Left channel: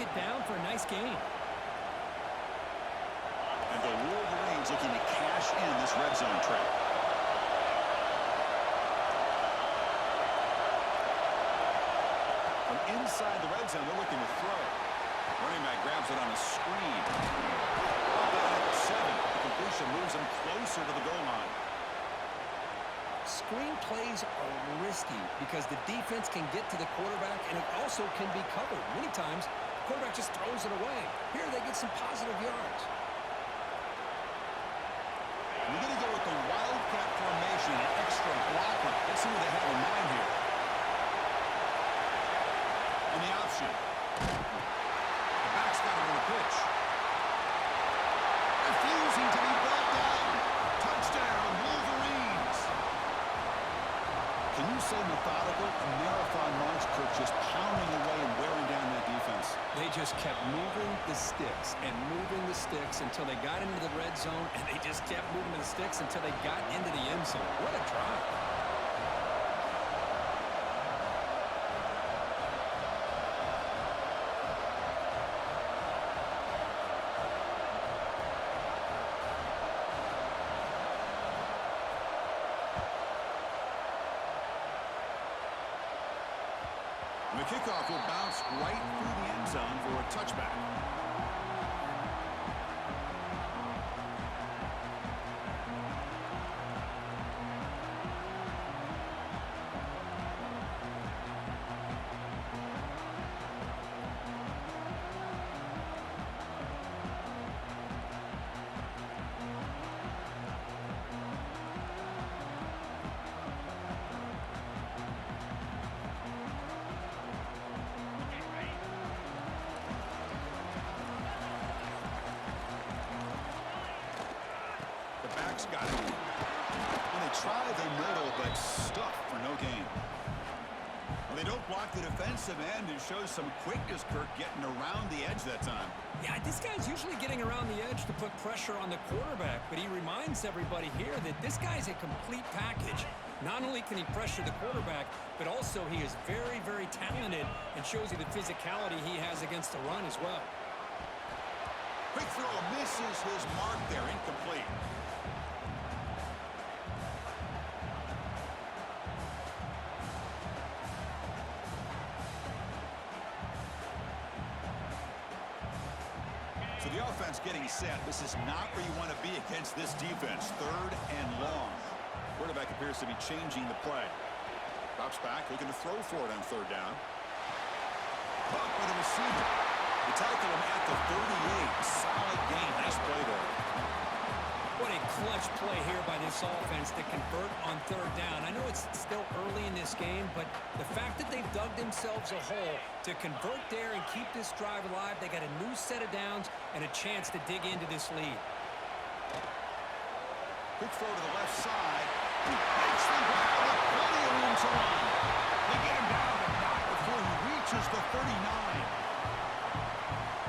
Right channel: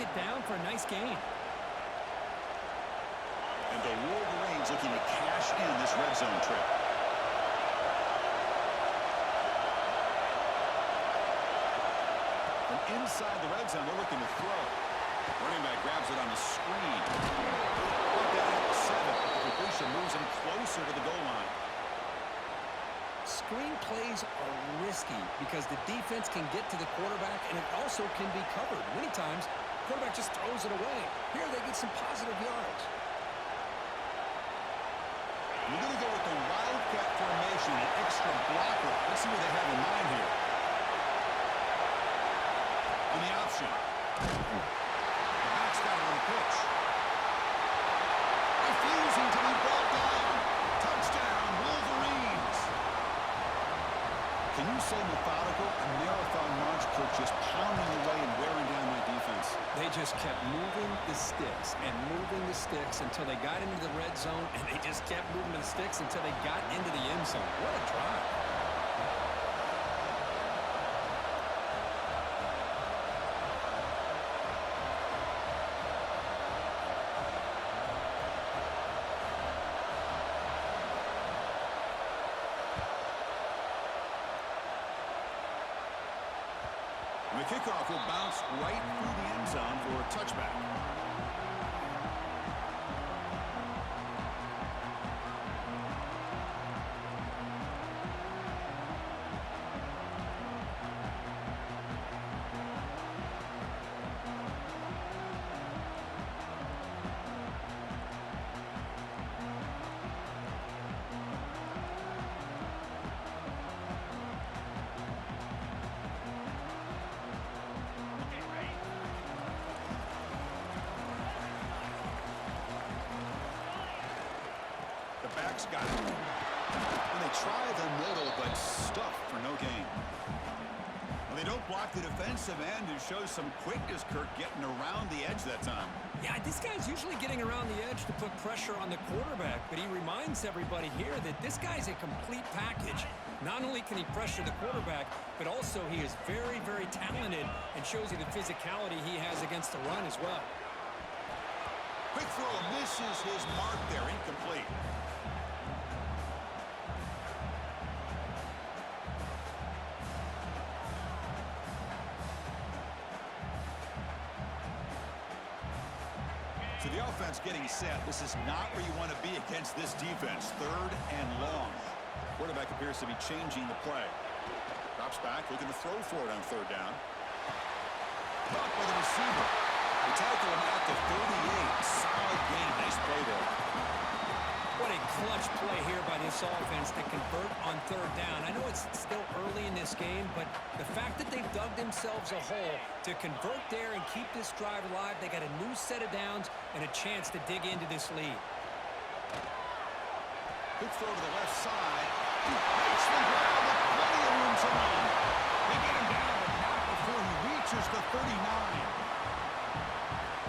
knocks it down for a nice gain. And the Wolverines looking to cash in this red zone trip. From inside the red zone, they're looking to throw. Running back grabs it on a screen. Brought down at 7. But the completion moves him closer to the goal line. Screen plays are risky because the defense can get to the quarterback, and it also can be covered. Many times, the quarterback just throws it away. Here, they get some positive yards. We're going to go with the Wildcat formation, an extra blocker. Let's see what they have in mind here. On the option. The back's got it on the pitch. Refusing to be brought down. Touchdown, Wolverines. Can you say methodical? A marathon march, Kirk, just pounding away and wearing down that defense. They just kept moving the sticks and moving the sticks until they got into the red zone, and they just kept moving the sticks until they got into the end zone. What a drive. The kickoff will bounce right through the end zone for a touchback. Back's got it. And they try the middle, but stuff for no gain. Well, they don't block the defensive end and show some quickness, Kirk, getting around the edge that time. Yeah, this guy's usually getting around the edge to put pressure on the quarterback, but he reminds everybody here that this guy's a complete package. Not only can he pressure the quarterback, but also he is very, very talented and shows you the physicality he has against the run as well. Quick throw misses his mark there, incomplete. So the offense getting set. This is not where you want to be against this defense. 3rd and long. Quarterback appears to be changing the play. Drops back, looking to throw for it on 3rd down. Caught by the receiver. They tackle him at the 38. Solid gain. Nice play there. What a clutch play here by this offense to convert on 3rd down. I know it's still early in this game, but the fact that they've dug themselves a hole to convert there and keep this drive alive, they got a new set of downs and a chance to dig into this lead. Quick throw to the left side. Makes the grab with plenty of room to run. They get him down, but not before he reaches the 39.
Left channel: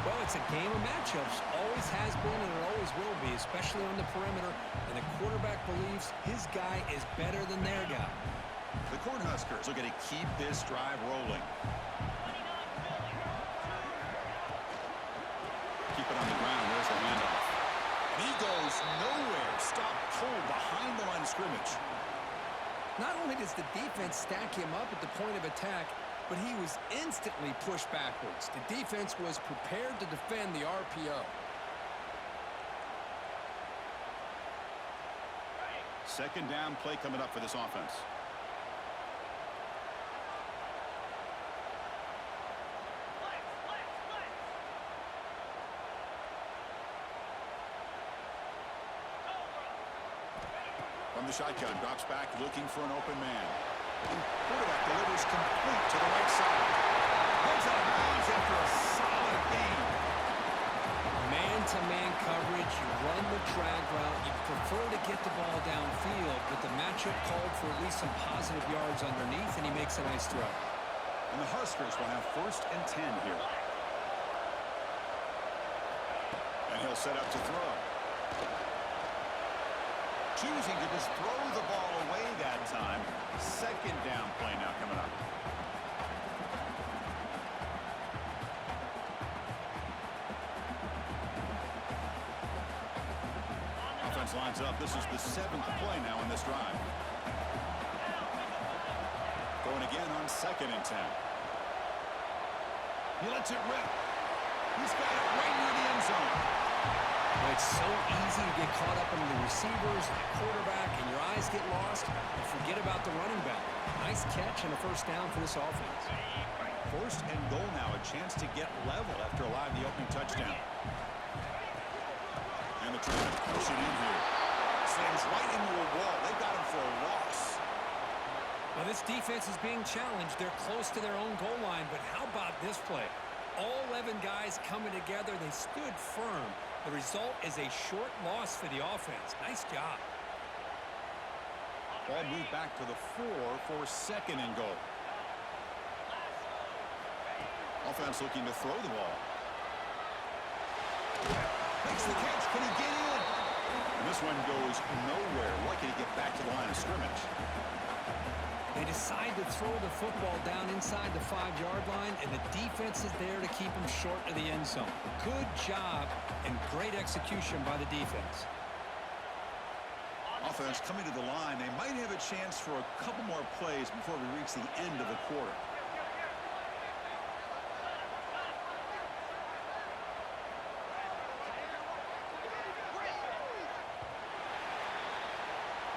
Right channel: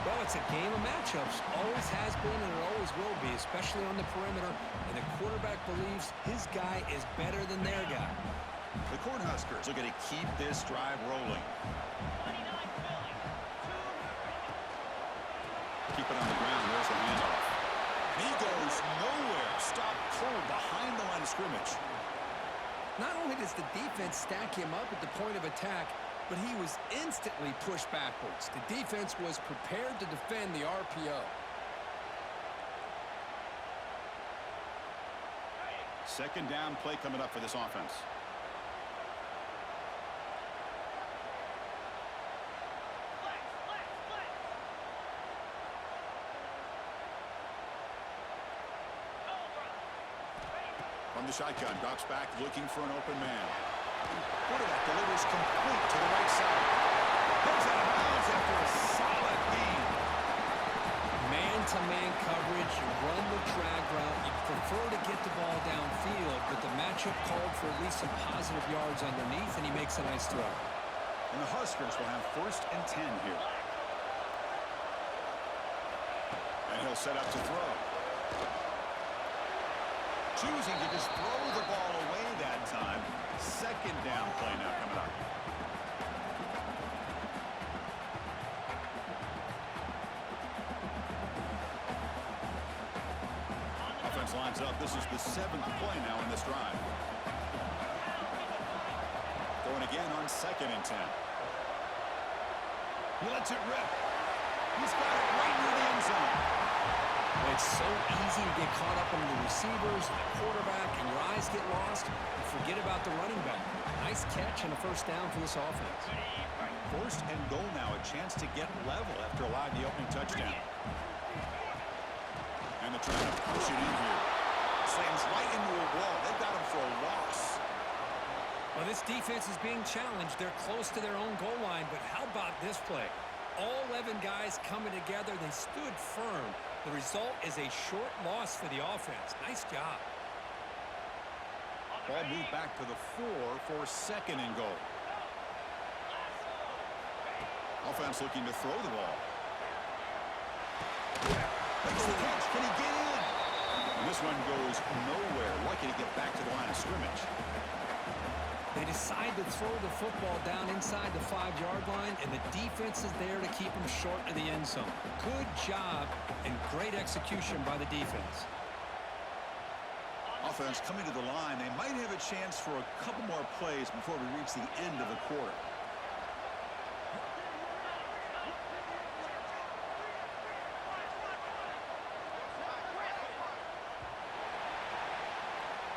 Well, it's a game of matchups. Always has been, and it always will be, especially on the perimeter. And the quarterback believes his guy is better than their guy. The Cornhuskers looking to keep this drive rolling. Keep it on the ground. There's the handoff. And he goes nowhere. Stop cold behind the line of scrimmage. Not only does the defense stack him up at the point of attack, but he was instantly pushed backwards. The defense was prepared to defend the RPO. Second down play coming up for this offense. From the shotgun, drops back, looking for an open man. Quarterback delivers complete to the right side. Goes out of bounds after a solid gain. Man-to-man coverage, you run the drag route. You prefer to get the ball downfield, but the matchup called for at least some positive yards underneath, and he makes a nice throw. And the Huskers will have 1st and 10 here. And he'll set up to throw. Choosing to just throw the ball away that time. 2nd down play now coming up. offense lines up. This is the 7th play now in this drive. Going again on 2nd and 10. He lets it rip. He's got it right near the end zone. Well, it's so easy to get caught up in the receivers and the quarterback, and your eyes get lost. You forget about the running back. Nice catch and a first down for this offense. 1st and goal now, a chance to get level after allowing the opening touchdown. And they're trying to push it in here. Slams right into a wall. They've got him for a loss. Well, this defense is being challenged. They're close to their own goal line, but how about this play? All 11 guys coming together. They stood firm. The result is a short loss for the offense. Nice job. Ball moved back to the 4 for 2nd and goal. Offense looking to throw the ball. Makes the catch. Can he get in? And this one goes nowhere. Lucky to get back to the line of scrimmage. They decide to throw the football down inside the 5-yard line, and the defense is there to keep them short of the end zone. Good job and great execution by the defense. Offense coming to the line. They might have a chance for a couple more plays before we reach the end of the quarter.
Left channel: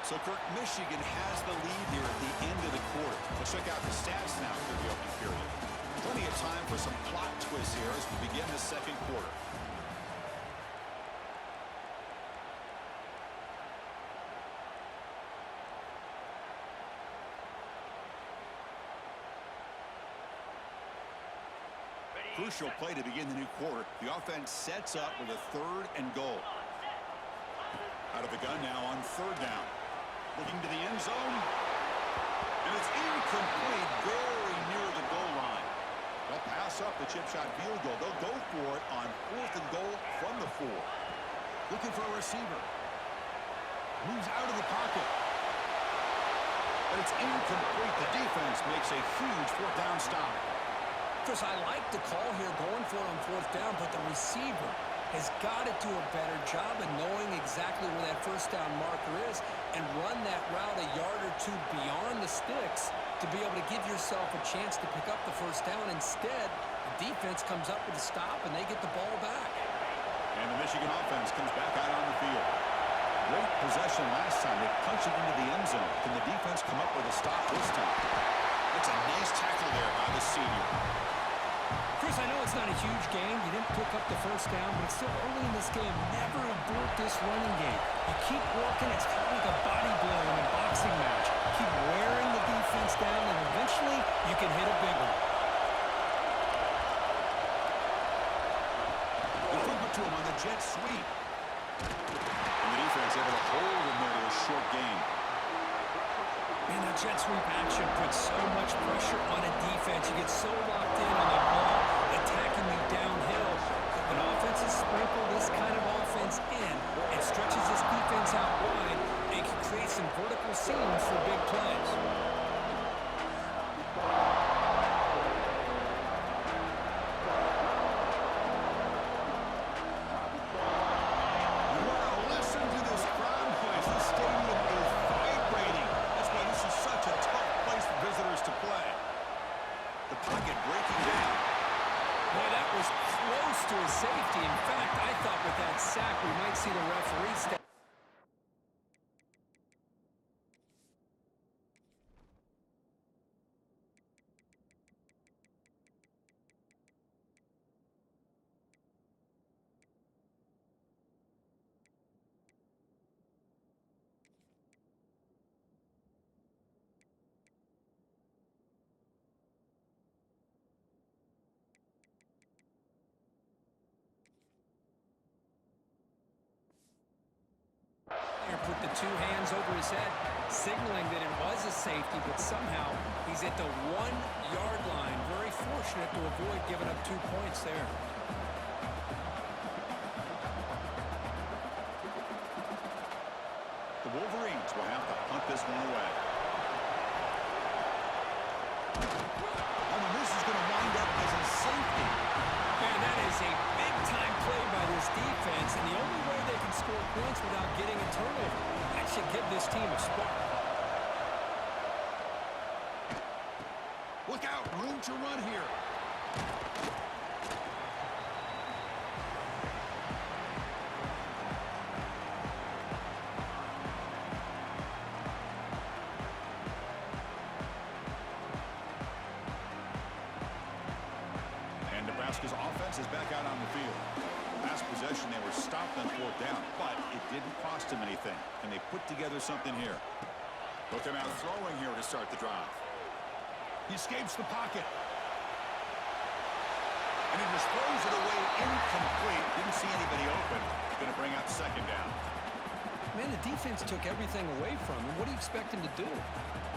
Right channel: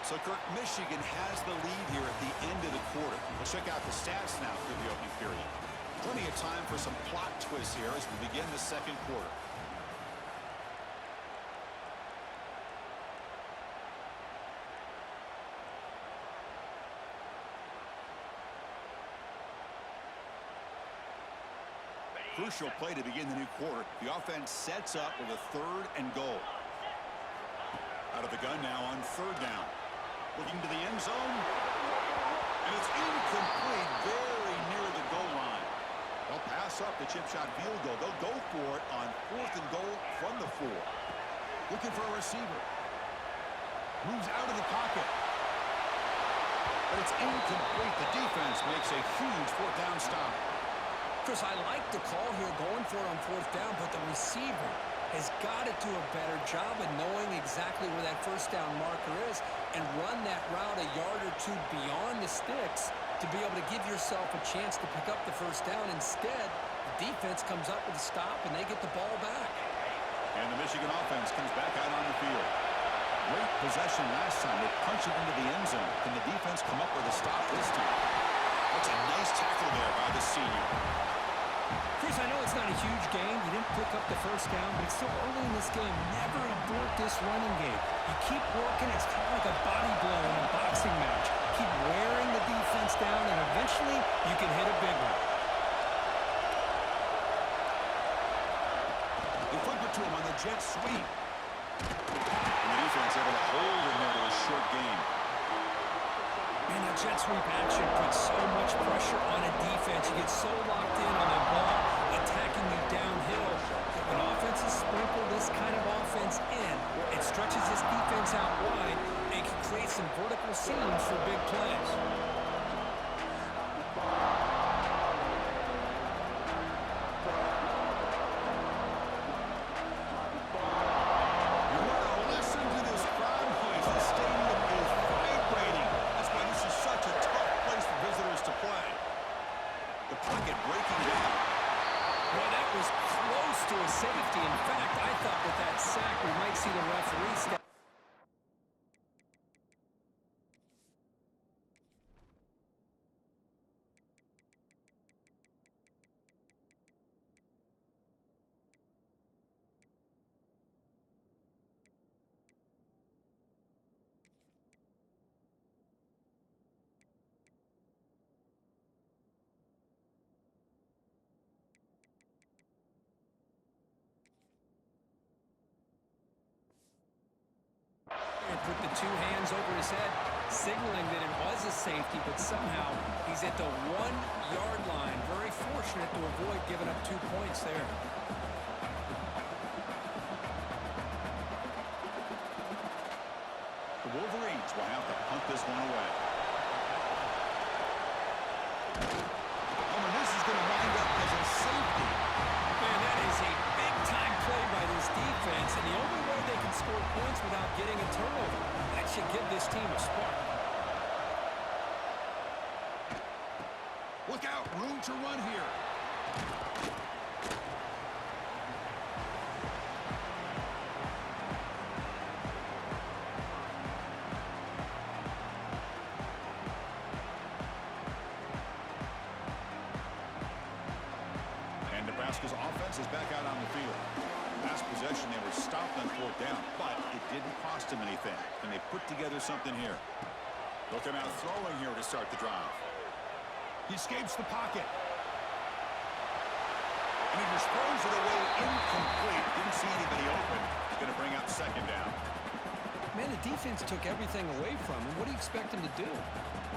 So, Kirk, Michigan has the lead here at the end of the quarter. Let's check out the stats now through the opening period. Plenty of time for some plot twists here as we begin the 2nd quarter. Crucial play to begin the new quarter. The offense sets up with a 3rd and goal. Out of the gun now on 3rd down. Looking to the end zone. And it's incomplete, very near the goal line. They'll pass up the chip shot field goal. They'll go for it on 4th and goal from the 4. Looking for a receiver. Moves out of the pocket. But it's incomplete. The defense makes a huge 4th down stop. Chris, I like the call here going for it on 4th down, but the receiver has got to do a better job of knowing exactly where that 1st down marker is and run that route a yard or 2 beyond the sticks to be able to give yourself a chance to pick up the 1st down. Instead, the defense comes up with a stop, and they get the ball back. And the Michigan offense comes back out on the field. Great possession last time. They punch it into the end zone. Can the defense come up with a stop this time? That's a nice tackle there by the senior. Chris, I know it's not a huge game. You didn't pick up the 1st down, but it's still early in this game. Never abort this running game. You keep working. It's kind of like a body blow in a boxing match. Keep wearing the defense down, and eventually you can hit a big one. They flip it to him on the jet sweep. And the defense able to hold him there to a short gain. Man, that jet sweep action puts so much pressure on a defense. You get so locked in on the ball attacking you downhill. When offenses sprinkle this kind of offense in, it stretches this defense out wide and can create some vertical seams for big plays. To a safety. In fact, I thought with that sack we might see the referee step. Put the 2 hands over his head, signaling that it was a safety, but somehow he's at the 1-yard line. Very fortunate to avoid giving up 2 points there. The Wolverines will have to punt this one away. Oh, and this is going to wind up as a safety. Man, that is a big-time play by this this defense, and the only way they can score points without getting a turnover. That should give this team a spark. Look out, room to run here. And Nebraska's offense is back out on the field. Last possession, they were stopped on 4th down, but it didn't cost them anything. And they put together something here. They'll come out throwing here to start the drive. He escapes the pocket. And he just throws it away incomplete. Didn't see anybody open. He's going to bring up 2nd down. Man, the defense took everything away from him. What do you expect him to do?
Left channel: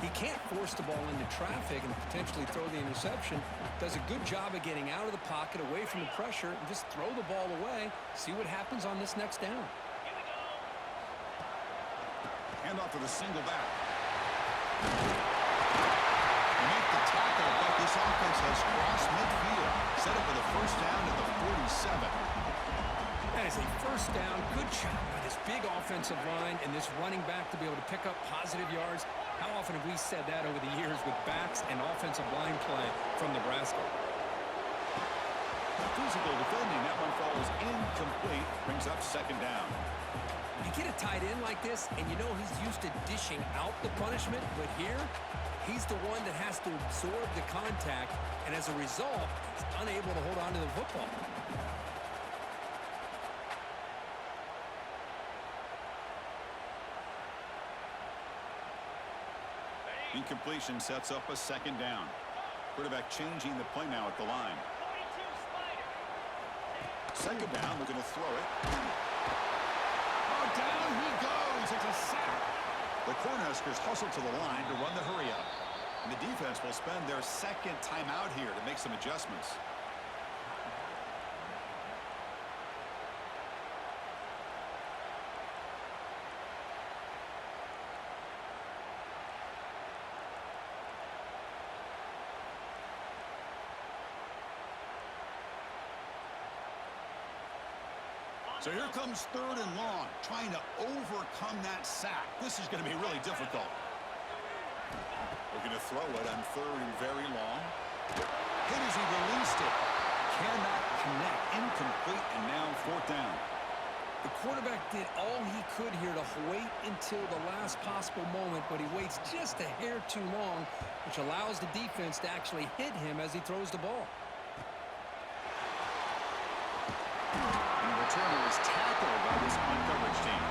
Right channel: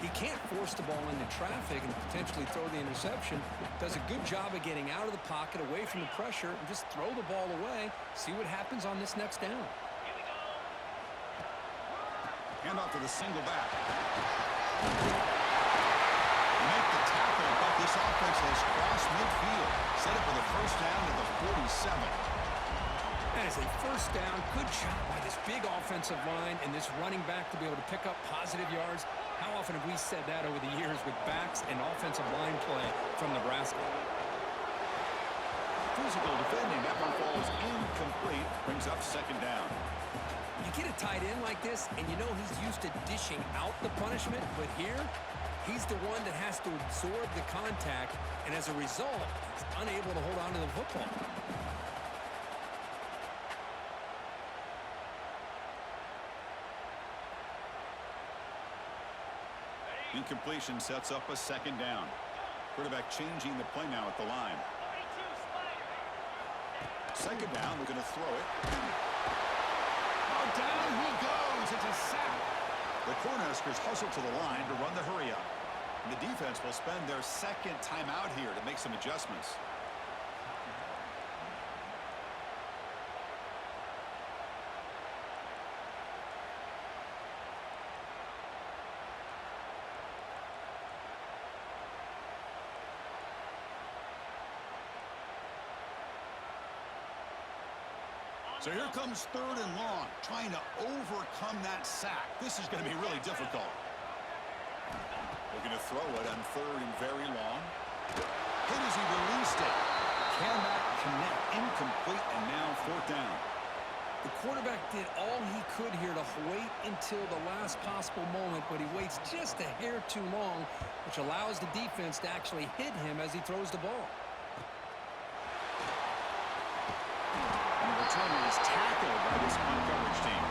He can't force the ball into traffic and potentially throw the interception. Does a good job of getting out of the pocket, away from the pressure, and just throw the ball away. See what happens on this next down. Hand off to the single back. They make the tackle, but this offense has crossed midfield. Set up with a 1st down at the 47. That is a 1st down. Good job by this big offensive line and this running back to be able to pick up positive yards. How often have we said that over the years with backs and offensive line play from Nebraska? Physical defending. That one falls incomplete. Brings up 2nd down. You get a tight end like this, and you know he's used to dishing out the punishment, but here, he's the one that has to absorb the contact, and as a result, he's unable to hold on to the football. Incompletion sets up a 2nd down. Quarterback changing the play now at the line. 2nd down, looking to throw it. Oh, down he goes. It's a sack. The Cornhuskers hustle to the line to run the hurry up. And the defense will spend their 2nd timeout here to make some adjustments. So here comes 3rd and long, trying to overcome that sack. This is going to be really difficult. Looking to throw it on 3rd and very long. Hit as he released it. Cannot connect. Incomplete, and now 4th down. The quarterback did all he could here to wait until the last possible moment, but he waits just a hair too long, which allows the defense to actually hit him as he throws the ball. And the returner is tackled by this punt coverage team.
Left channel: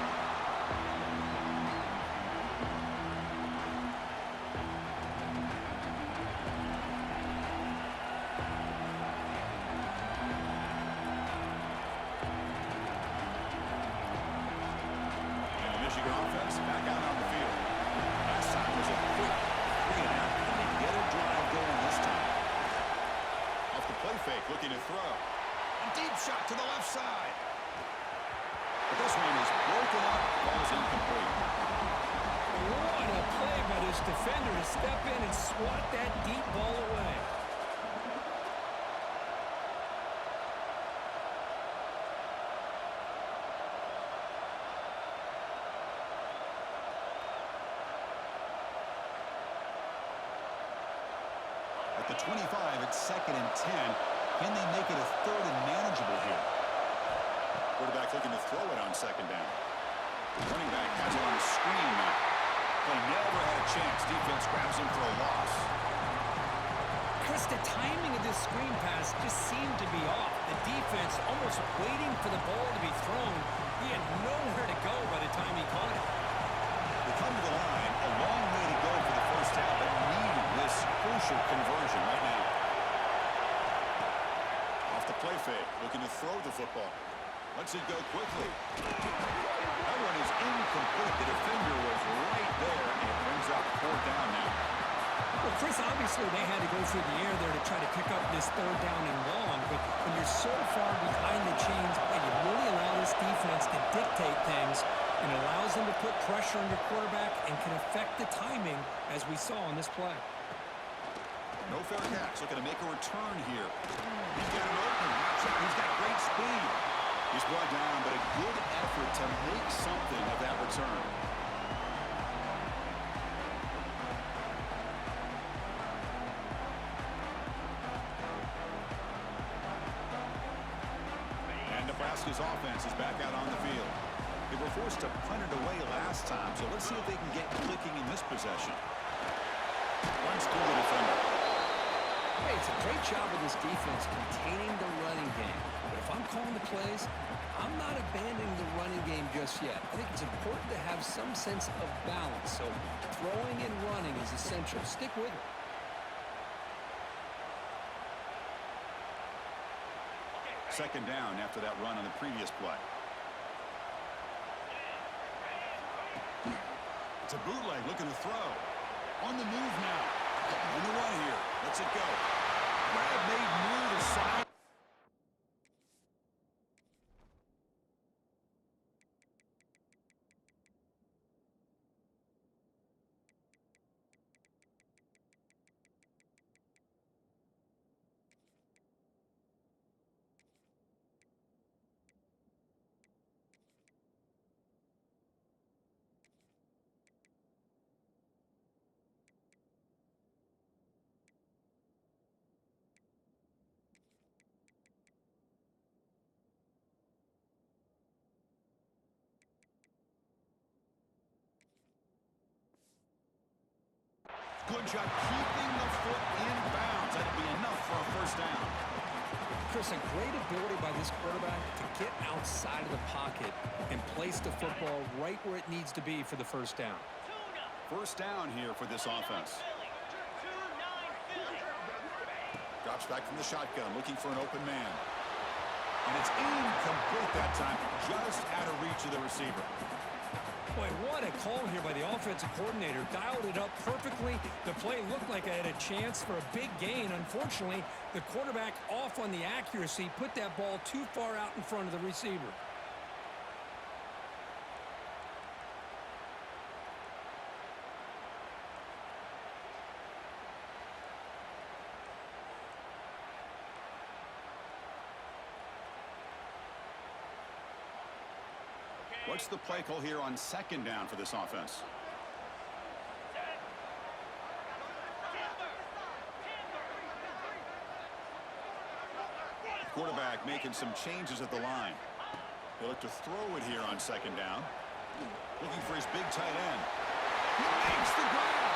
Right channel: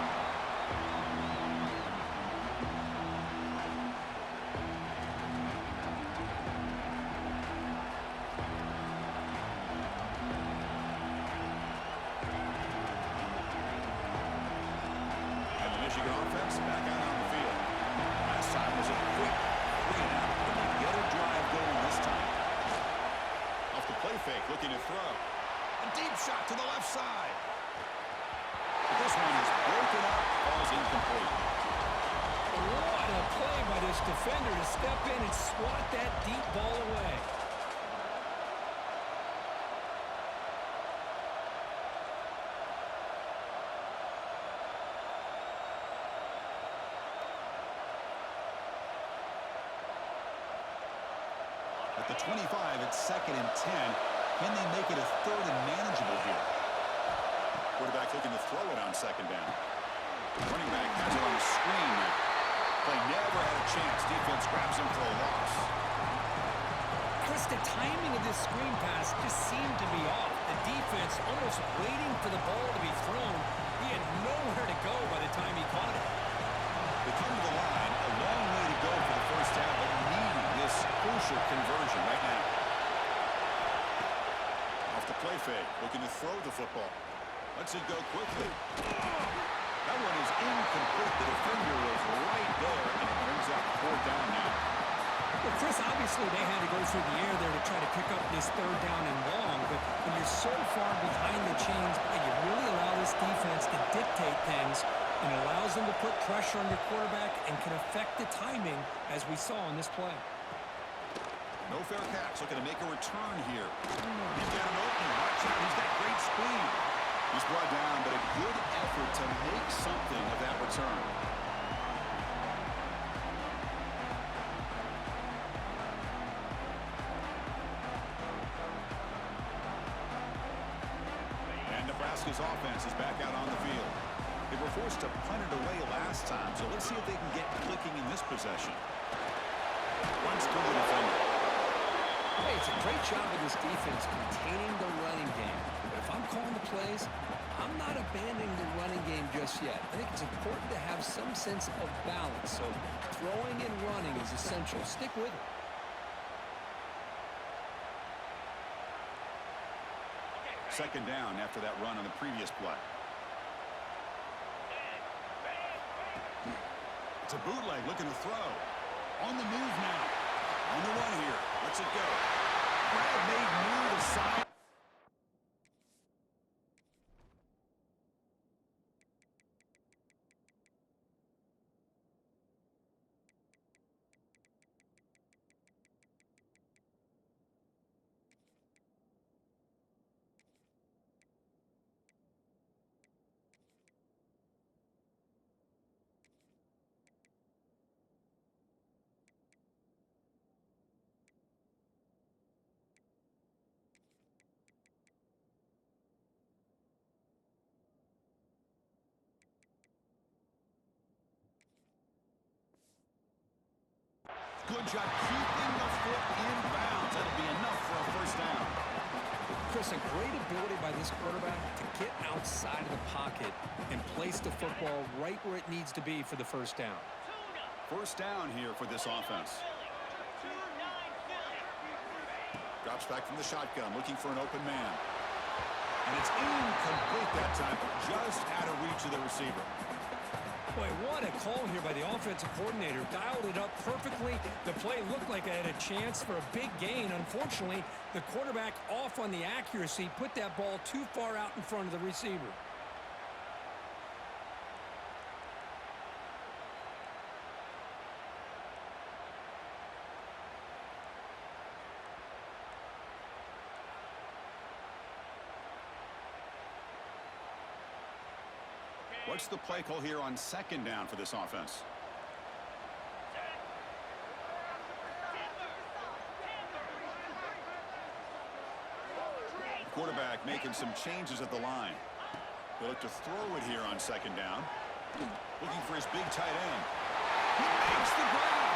And the Michigan offense back out on the field. Last time was a quick 3 and out, and they get a drive going this time. Off the play fake, looking to throw. A deep shot to the left side. But this one is broken up, falls incomplete. What a play by this defender to step in and swat that deep ball away. At the 25, it's 2nd and 10. Can they make it a 3rd and manageable here? Quarterback looking to throw it on 2nd down. Running back has it on the screen now. Play never had a chance. Defense grabs him for a loss. Chris, the timing of this screen pass just seemed to be off. The defense almost waiting for the ball to be thrown. He had nowhere to go by the time he caught it. They come to the line. A long way to go for the 1st down, but need this crucial conversion right now. Off the play fake, looking to throw the football. Lets it go quickly. That one is incomplete. The defender was right there, and it brings up 4th down now. Well, Chris, obviously they had to go through the air there to try to pick up this 3rd down and long, but when you're so far behind the chains, you really allow this defense to dictate things, and it allows them to put pressure on your quarterback and can affect the timing, as we saw in this play. No fair catch. Looking to make a return here. He's got an opening. Watch out. He's got great speed. He's brought down, but a good effort to make something of that return. And Nebraska's offense is back out on the field. They were forced to punt it away last time, so let's see if they can get clicking in this possession. Runs through the defender. Hey, it's a great job of this defense containing the running game. But if I'm calling the plays, I'm not abandoning the running game just yet. I think it's important to have some sense of balance. So throwing and running is essential. Stick with it. Second down after that run on the previous play. It's a bootleg looking to throw. On the move now. On the run here. Lets it go. Grab made near the side. Good job keeping the foot in bounds. That'll be enough for a first down. Chris, a great ability by this quarterback to get outside of the pocket and place the football right where it needs to be for the first down. First down here for this offense. Drops back from the shotgun, looking for an open man. And it's incomplete that time, just out of reach of the receiver. Boy, what a call here by the offensive coordinator. Dialed it up perfectly. The play looked like it had a chance for a big gain. Unfortunately, the quarterback off on the accuracy, put that ball too far out in front of the receiver. What's the play call here on second down for this offense? The quarterback making some changes at the line. They look to throw it here on second down. Looking for his big tight end. He makes the grab.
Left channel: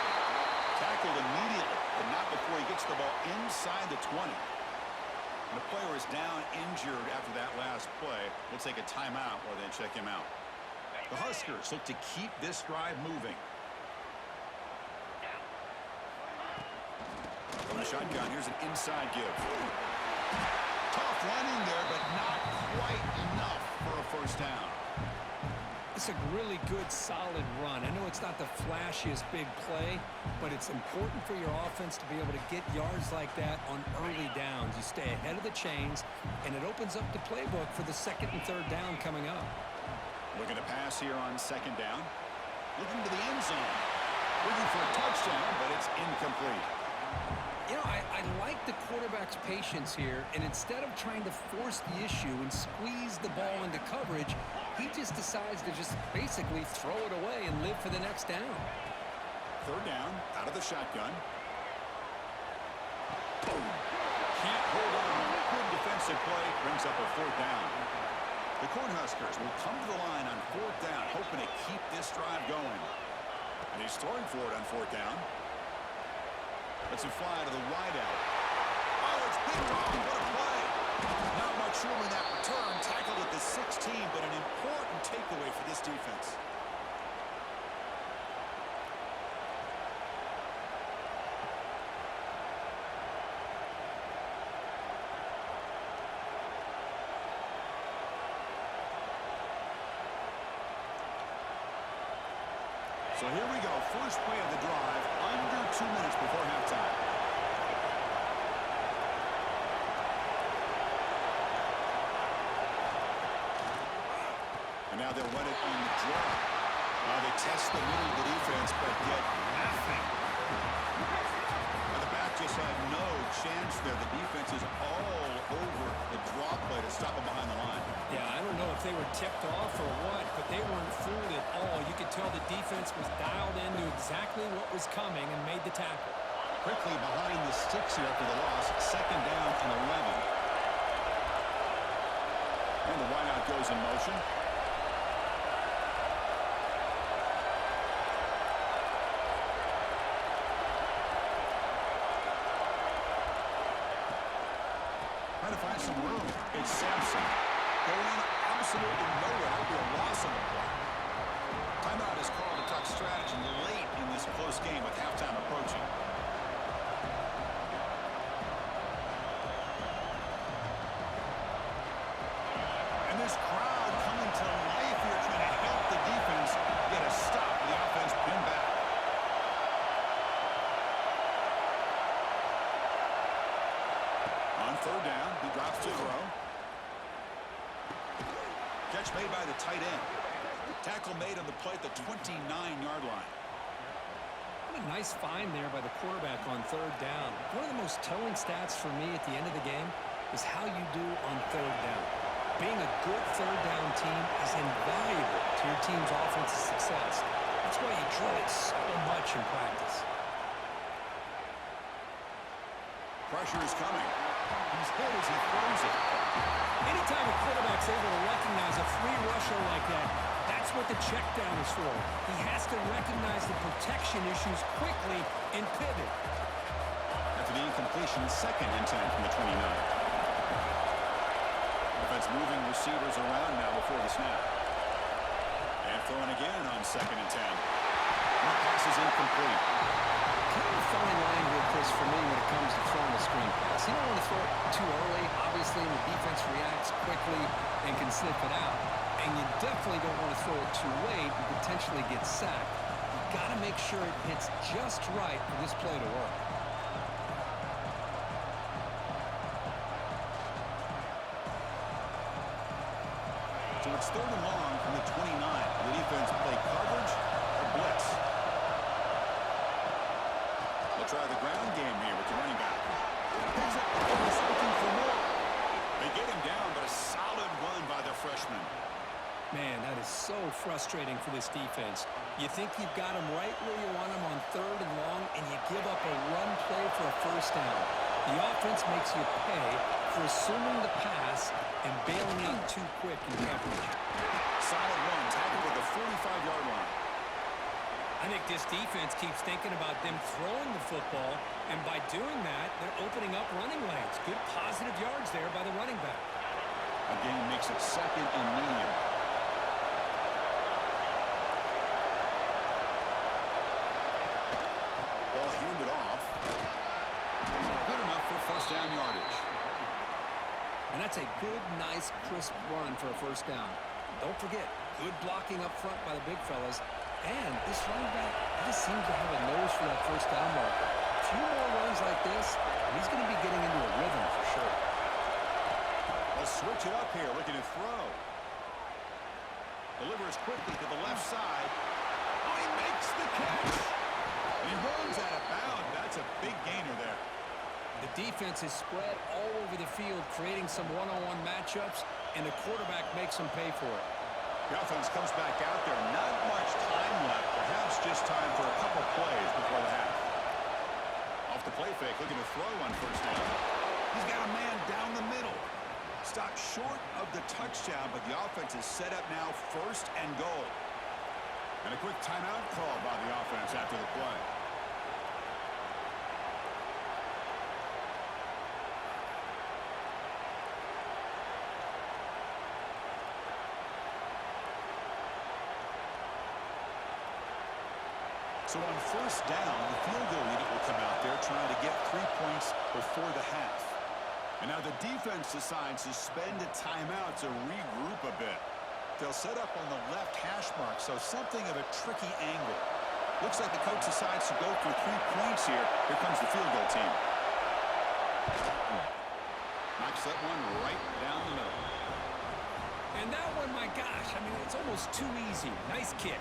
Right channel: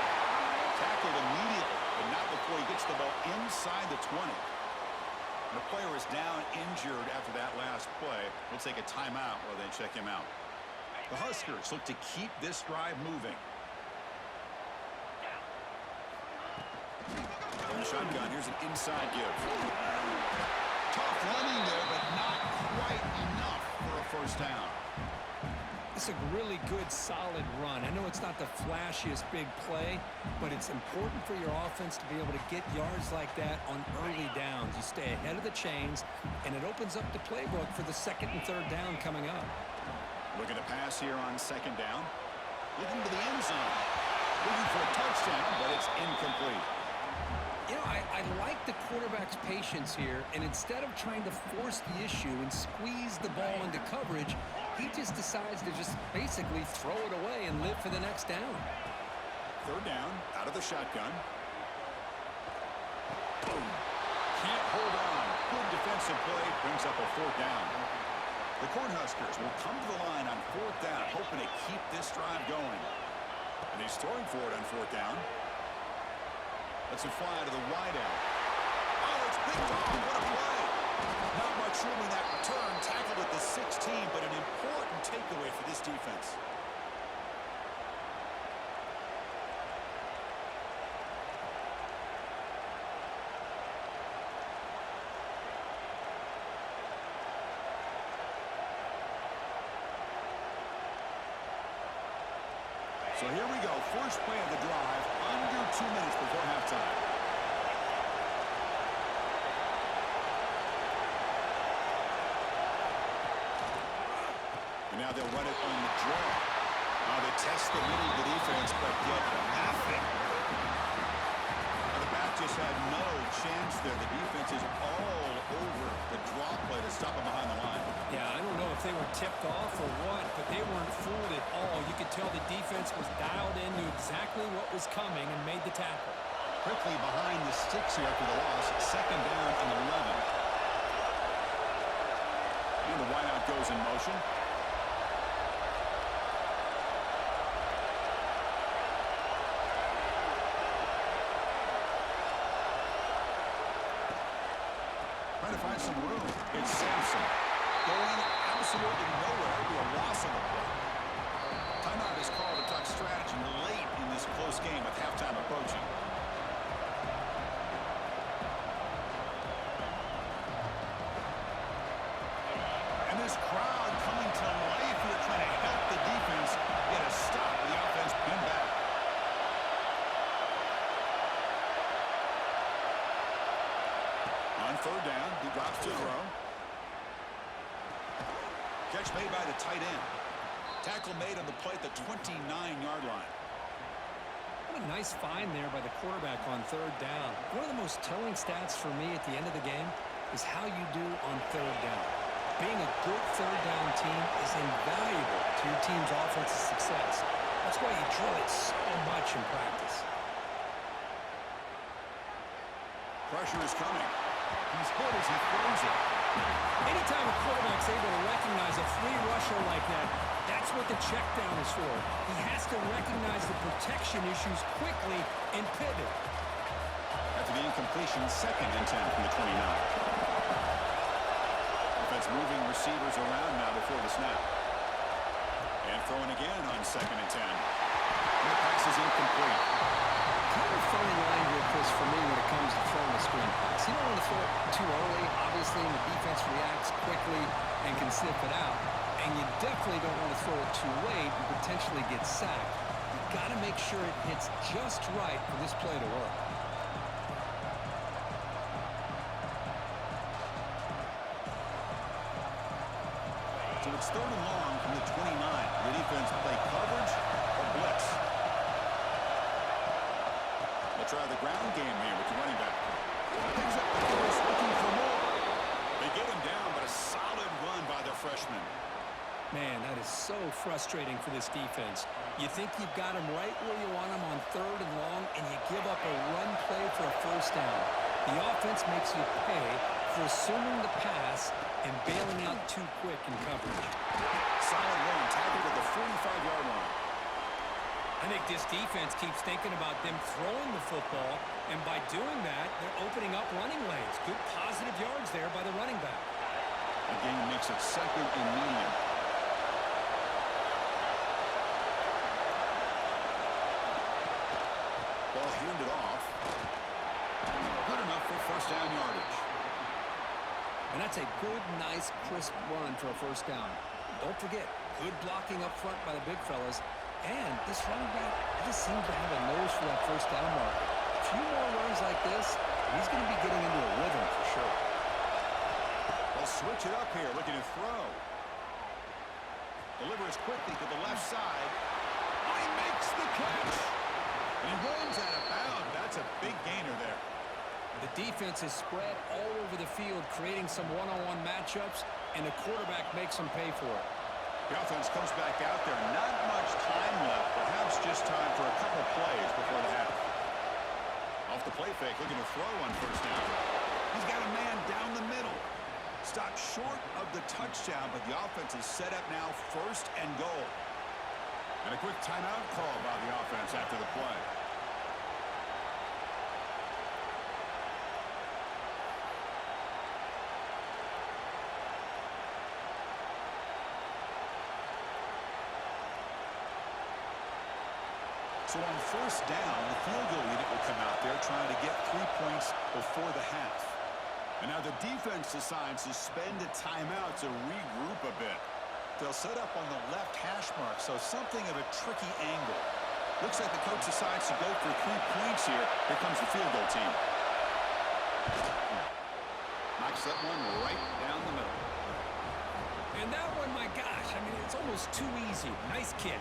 Tackled immediately, but not before he gets the ball inside the 20. And the player is down injured after that last play. We'll take a timeout while they check him out. The Huskers look to keep this drive moving. From the shotgun, here's an inside give. Tough running there, but not quite enough for a first down. It's a really good, solid run. I know it's not the flashiest big play, but it's important for your offense to be able to get yards like that on early downs. You stay ahead of the chains, and it opens up the playbook for the second and third down coming up. Looking to pass here on second down. Looking to the end zone. Looking for a touchdown, but it's incomplete. You know, I like the quarterback's patience here, and instead of trying to force the issue and squeeze the ball into coverage, he just decides to just basically throw it away and live for the next down. Third down, out of the shotgun. Boom. Can't hold on. Good defensive play, brings up a fourth down. The Cornhuskers will come to the line on fourth down, hoping to keep this drive going. And he's throwing for it on fourth down. Lets it fly to the wideout. Oh, it's picked off. What a play. Not much room in that return. Tackled at the 16, but an important takeaway for this defense. So here we go. First play of the drive, under 2 minutes before halftime. And now they'll run it on the draw. They test the middle of the defense, but get nothing. Now the back just had no chance there. The defense is all over the draw play to stop him behind the line. Yeah, I don't know if they were tipped off or what, but they weren't fooled at all. You could tell the defense was dialed in, knew exactly what was coming, and made the tackle. Quickly behind the sticks here after the loss. 2nd down and 11. And the wideout goes in motion. Trying to find some room. It's Sampson. Going absolutely nowhere. That would be a loss on the play. Timeout is called to talk strategy late in this close game with halftime approaching. And this crowd coming to life here, trying to help the defense get a stop. The offense pinned back. On 3rd down, he drops to throw. Catch made by the tight end. Tackle made on the play at the 29-yard line. What a nice find there by the quarterback on 3rd down. One of the most telling stats for me at the end of the game is how you do on 3rd down. Being a good 3rd down team is invaluable to your team's offensive success. That's why you drill it so much in practice. Pressure is coming. He's hit as he throws it. Anytime a quarterback's able to recognize a free rusher like that, that's what the check down is for. He has to recognize the protection issues quickly and pivot. After the incompletion, 2nd and 10 from the 29. Offense moving receivers around now before the snap. And throwing again on 2nd and 10. And the pass is incomplete. Kind of a fine line here, Chris, for me when it comes to throwing a screen pass. You don't want to throw it too early, obviously, and the defense reacts quickly and can sniff it out. And you definitely don't want to throw it too late and potentially get sacked. You've got to make sure it hits just right for this play to work. So it's 3rd and long from the 29. The defense play coverage or blitz. They'll try the ground game here with the running back. Picks up the first, looking for more. They get him down, but a solid run by their freshman. Man, that is so frustrating for this defense. You think you've got him right where you want him on 3rd and long, and you give up a run play for a 1st down. The offense makes you pay for assuming the pass and bailing out too quick in coverage. Solid run, tackled at the 45-yard line. I think this defense keeps thinking about them throwing the football, and by doing that, they're opening up running lanes. Good positive yards there by the running back. Again, makes it 2nd and medium. Ball handed off. Good enough for 1st down yardage. And that's a good, nice, crisp run for a 1st down. Don't forget, good blocking up front by the big fellas. And this running back just seems to have a nose for that 1st down marker. A few more runs like this, and he's going to be getting into a rhythm for sure. They'll switch it up here, looking to throw. Delivers quickly to the left side. Oh, he makes the catch. And he runs out of bounds. That's a big gainer there. The defense is spread all over the field, creating some one-on-one matchups, and the quarterback makes them pay for it. The offense comes back out there. Not much time left. Perhaps just time for a couple plays before the half. Off the play fake, looking to throw on 1st down. He's got a man down the middle. Stopped short of the touchdown, but the offense is set up now 1st and goal. And a quick timeout call by the offense after the play. So on 1st down, the field goal unit will come out there trying to get 3 points before the half. And now the defense decides to spend a timeout to regroup a bit. They'll set up on the left hash mark, so something of a tricky angle. Looks like the coach decides to go for 3 points here. Here comes the field goal team. Knocks that one right down the middle. And that one, my gosh, I mean, it's almost too easy. Nice kick.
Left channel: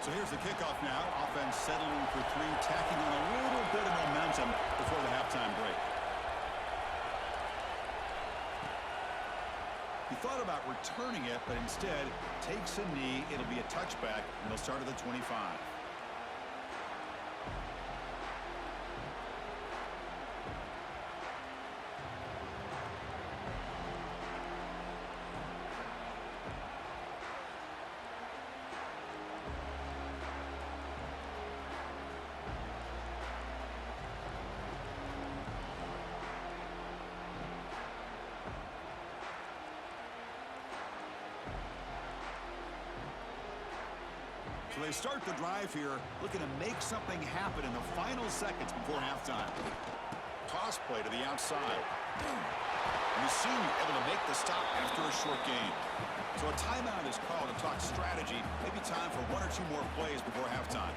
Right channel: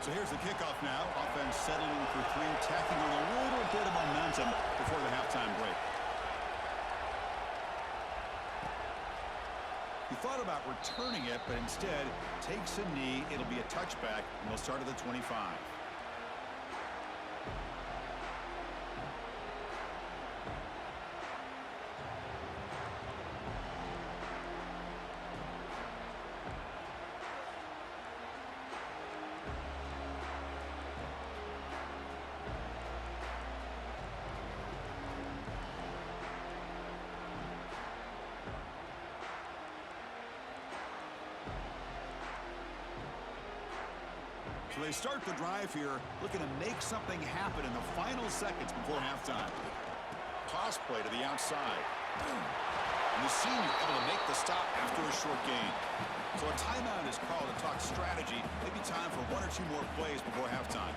So here's the kickoff now. Offense settling for three, tacking on a little bit of momentum before the halftime break. He thought about returning it, but instead takes a knee. It'll be a touchback, and they'll start at the 25. So they start the drive here, looking to make something happen in the final seconds before halftime. Toss play to the outside. And the senior able to make the stop after a short gain. So a timeout is called to talk strategy. Maybe time for one or two more plays before halftime.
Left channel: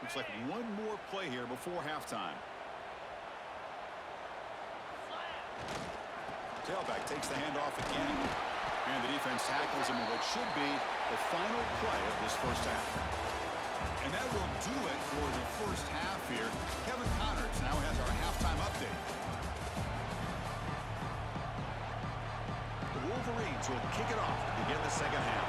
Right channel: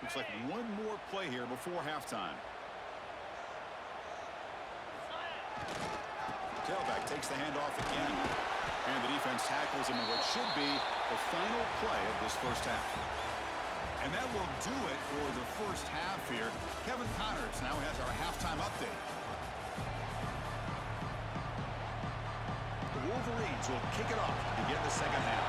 Looks like one more play here before halftime. Tailback takes the handoff again. And the defense tackles him in what should be the final play of this first half. And that will do it for the first half here. Kevin Connors now has our halftime update. The Wolverines will kick it off to begin the second half.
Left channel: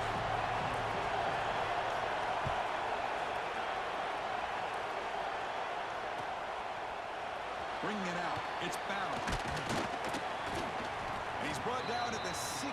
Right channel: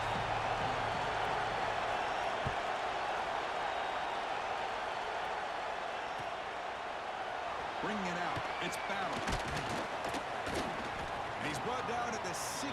Bringing it out. It's Battle. And he's brought down at the 16.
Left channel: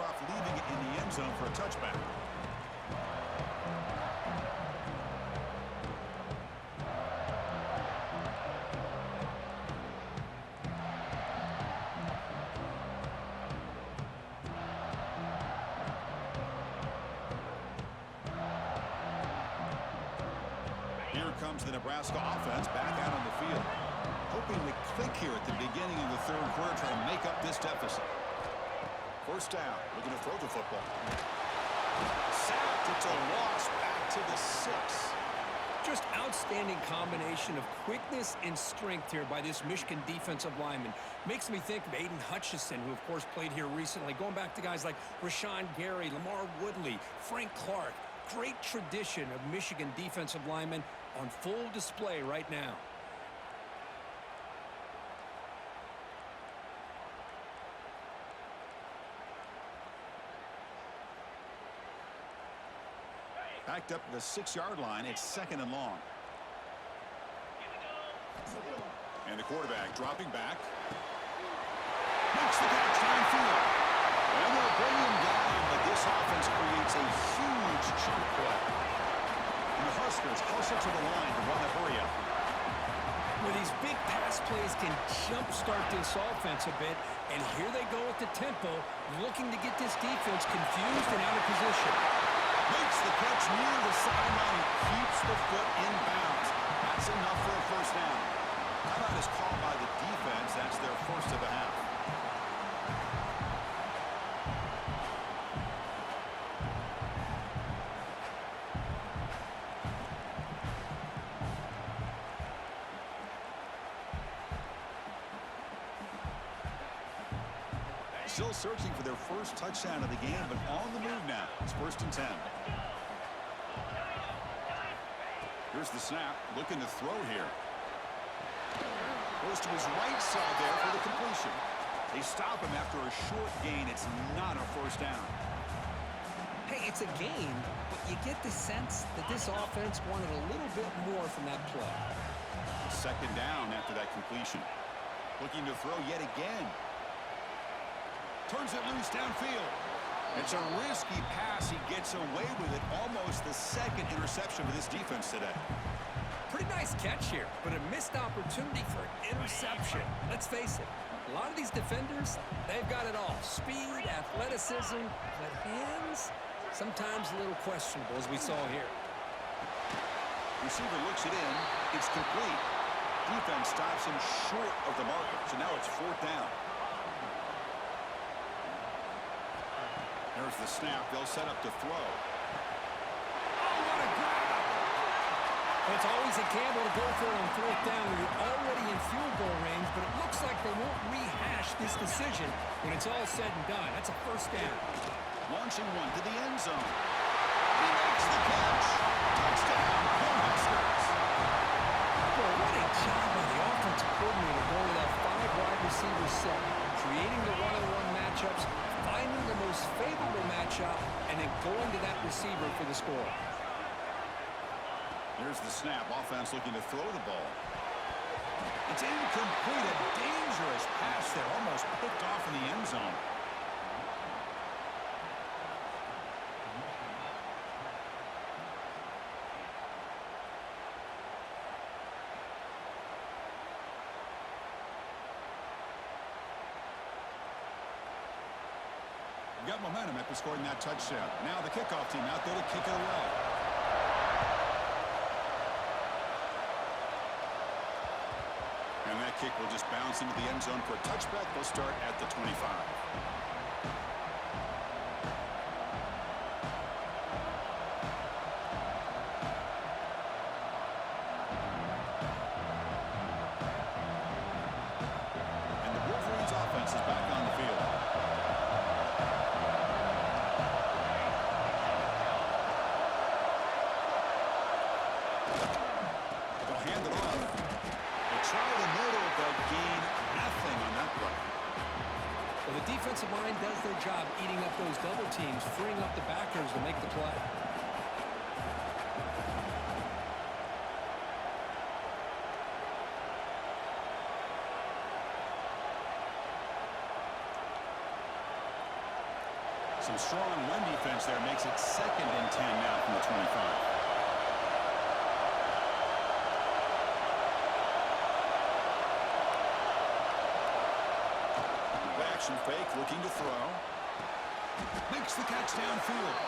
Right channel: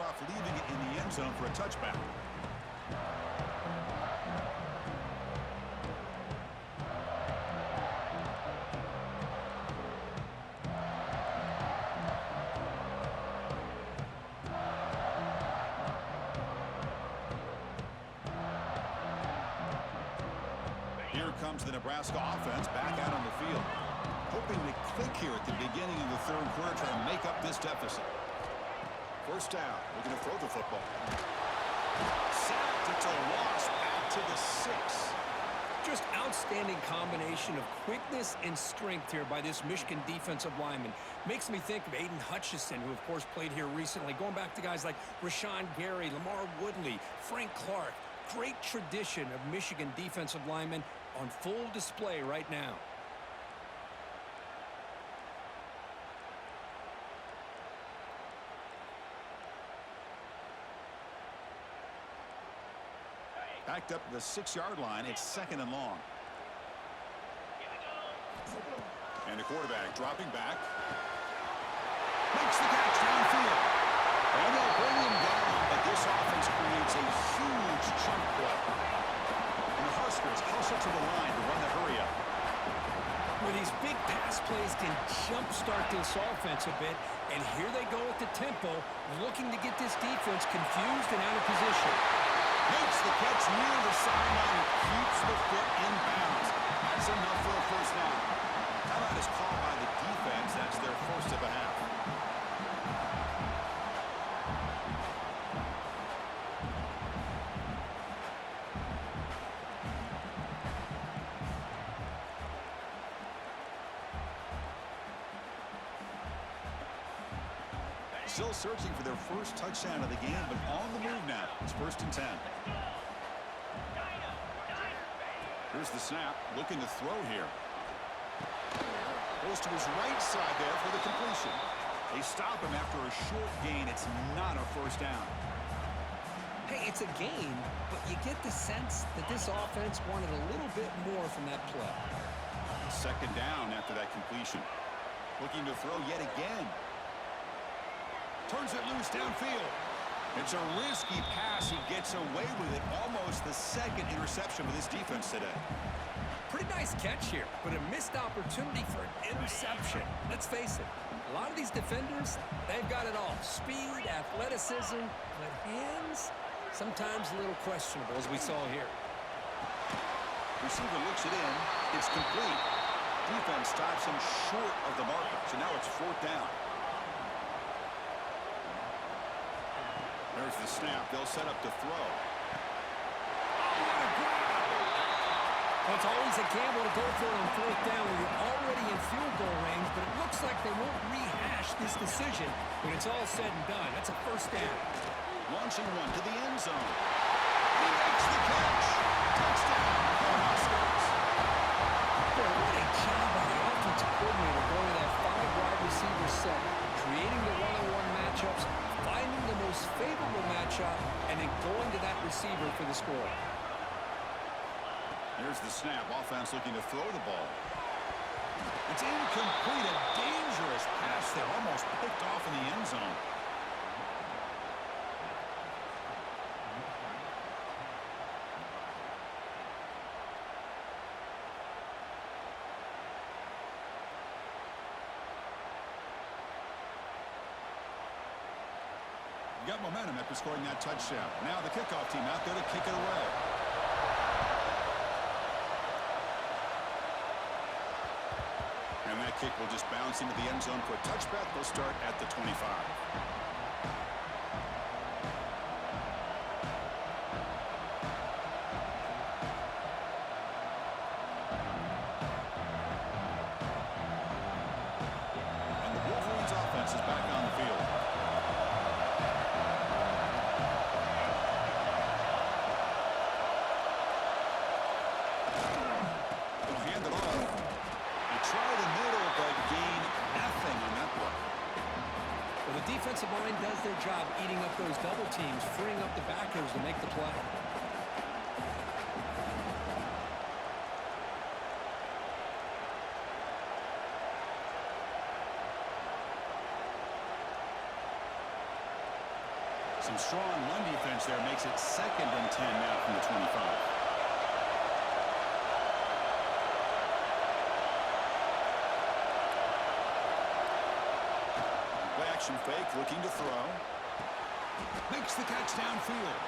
Off, leaving it in the end zone for a touchback. Here comes the Nebraska offense back out on the field, hoping to click here at the beginning of the third quarter, trying to make up this deficit. First down, looking to throw the football. Sacked, it's a loss, back to the 6. Just outstanding combination of quickness and strength here by this Michigan defensive lineman. Makes me think of Aiden Hutchison, who of course played here recently. Going back to guys like Rashawn Gary, Lamar Woodley, Frank Clark. Great tradition of Michigan defensive linemen on full display right now. Backed up to the 6-yard line. It's second and long. And the quarterback dropping back. Makes the catch downfield. And they'll bring him down, but this offense creates a huge chunk play. And the Huskers hustle to the line to run the hurry-up. Well, these big pass plays can jumpstart this offense a bit. And here they go at the tempo, looking to get this defense confused and out of position. Makes the catch near the sideline and keeps the foot in bounds. That's enough for a first down. Timeout is called by the defense. That's their first of the half. Still searching for their first touchdown of the game, but on the move now. It's 1st and 10. Here's the snap, looking to throw here. Goes to his right side there for the completion. They stop him after a short gain. It's not a first down. Hey, It's a gain, but you get the sense that this offense wanted a little bit more from that play. Second down after that completion. Looking to throw yet again. Turns it loose downfield. It's a risky pass. He gets away with it. Almost the second interception for this defense today. Pretty nice catch here, but a missed opportunity for an interception. Let's face it, a lot of these defenders, they've got it all. Speed, athleticism, but hands, sometimes a little questionable, as we saw here. Receiver looks it in. It's complete. Defense stops him short of the marker, so now it's fourth down. There's the snap. They'll set up to throw. Oh, what a grab! Well, it's always a gamble to go for it on fourth down when you're already in field goal range, but it looks like they won't rehash this decision when it's all said and done. That's a first down. Launching one to the end zone. He makes the catch. Touchdown, Cornhuskers. Boy, what a job by the offensive coordinator going to that 5-wide receiver set, creating the one-on-one matchups, finding the most favorable matchup, and then going to that receiver for the score. There's the snap. Offense looking to throw the ball. It's incomplete. A dangerous pass there. Almost picked off in the end zone. Got momentum after scoring that touchdown. Now the kickoff team out there to kick it away. And that kick will just bounce into the end zone for a touchback. They'll start at the 25. And the Wolverines offense is back on the field. They'll hand it off. Try the middle, but gain nothing on that play. Well, the defensive line does their job eating up those double teams, freeing up the backers to make the play. Some strong run defense there makes it 2nd and 10 now from the 25. Action fake, looking to throw. Makes the catch downfield.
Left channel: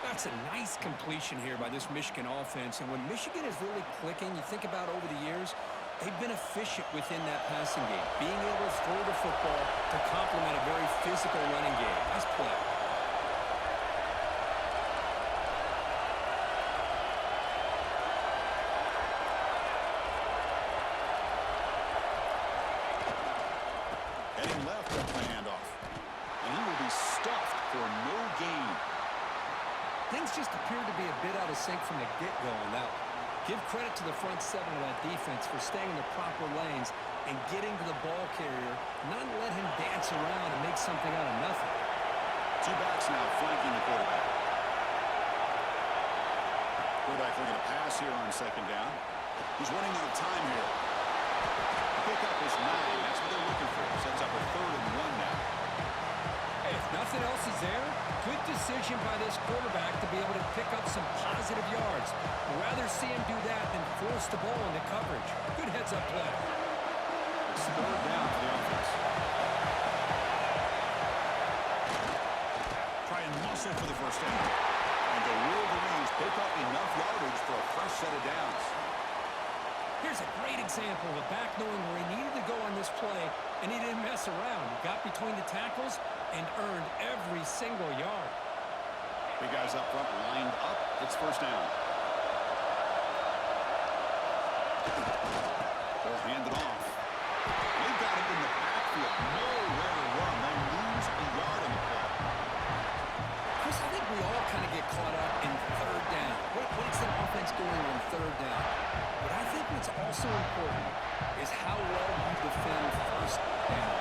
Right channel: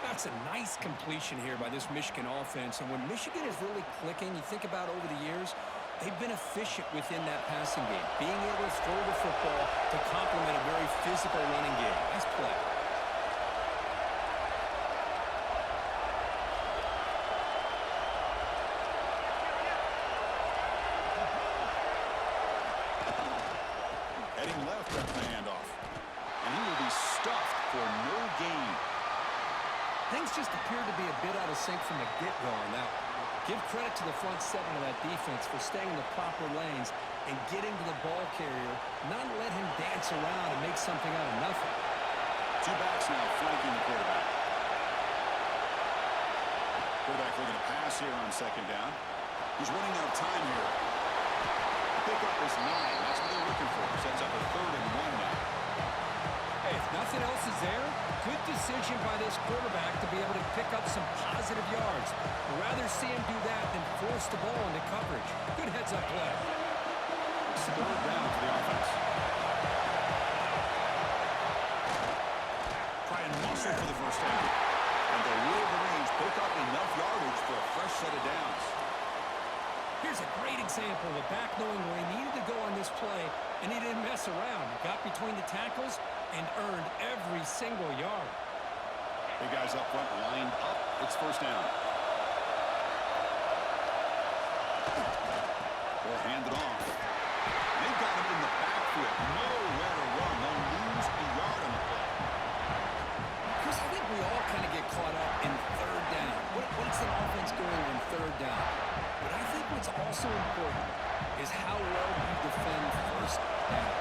That's a nice completion here by this Michigan offense. And when Michigan is really clicking, you think about over the years, they've been efficient within that passing game, being able to throw the football to complement a very physical running game. Nice play. Heading left at the handoff. And he will be stuffed for no gain. Things just appeared to be a bit out of sync from the get-go on that one. Give credit to the front seven of that defense for staying in the proper lanes and getting to the ball carrier, not let him dance around and make something out of nothing. Two backs now flanking the quarterback. Quarterback looking to pass here on 2nd down. He's running out of time here. Pickup is 9. That's what they're looking for. Sets up a 3rd and 1 now. Hey, if nothing else is there, good decision by this quarterback to be able to pick up some positive yards. I'd rather see him do that than force the ball into coverage. Good heads-up play. It's 3rd down for the offense. Try and muscle for the first down. And the Wolverines pick up enough yardage for a fresh set of downs. Here's a great example of a back knowing where he needed to go on this play, and he didn't mess around. He got between the tackles and earned every single yard. Big guys up front lined up. It's 1st down. They'll hand it off. They've got him in the backfield. Nowhere to run. They'll lose a yard on the play. Chris, I think we all kind of get caught up in 3rd down. What's an offense doing on 3rd down? But I think what's also important is how well you defend first down.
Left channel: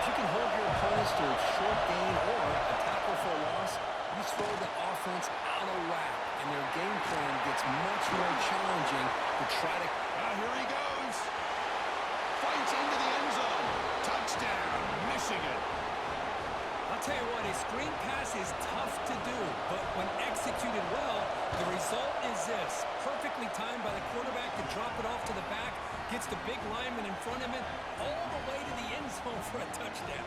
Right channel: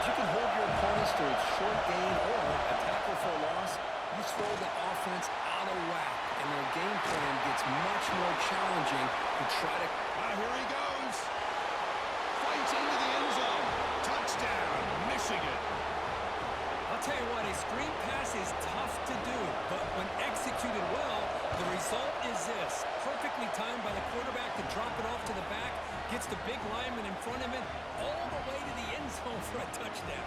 If you can hold your opponents to a short gain or a tackle for a loss, you throw the offense out of whack, and their game plan gets much more challenging to try to... Here he goes. Fights into the end zone. Touchdown, Michigan. I'll tell you what, a screen pass is tough to do, but when executed well, the result is this. Perfectly timed by the quarterback to drop it off to the back, gets the big lineman in front of him, all the way to the end zone for a touchdown.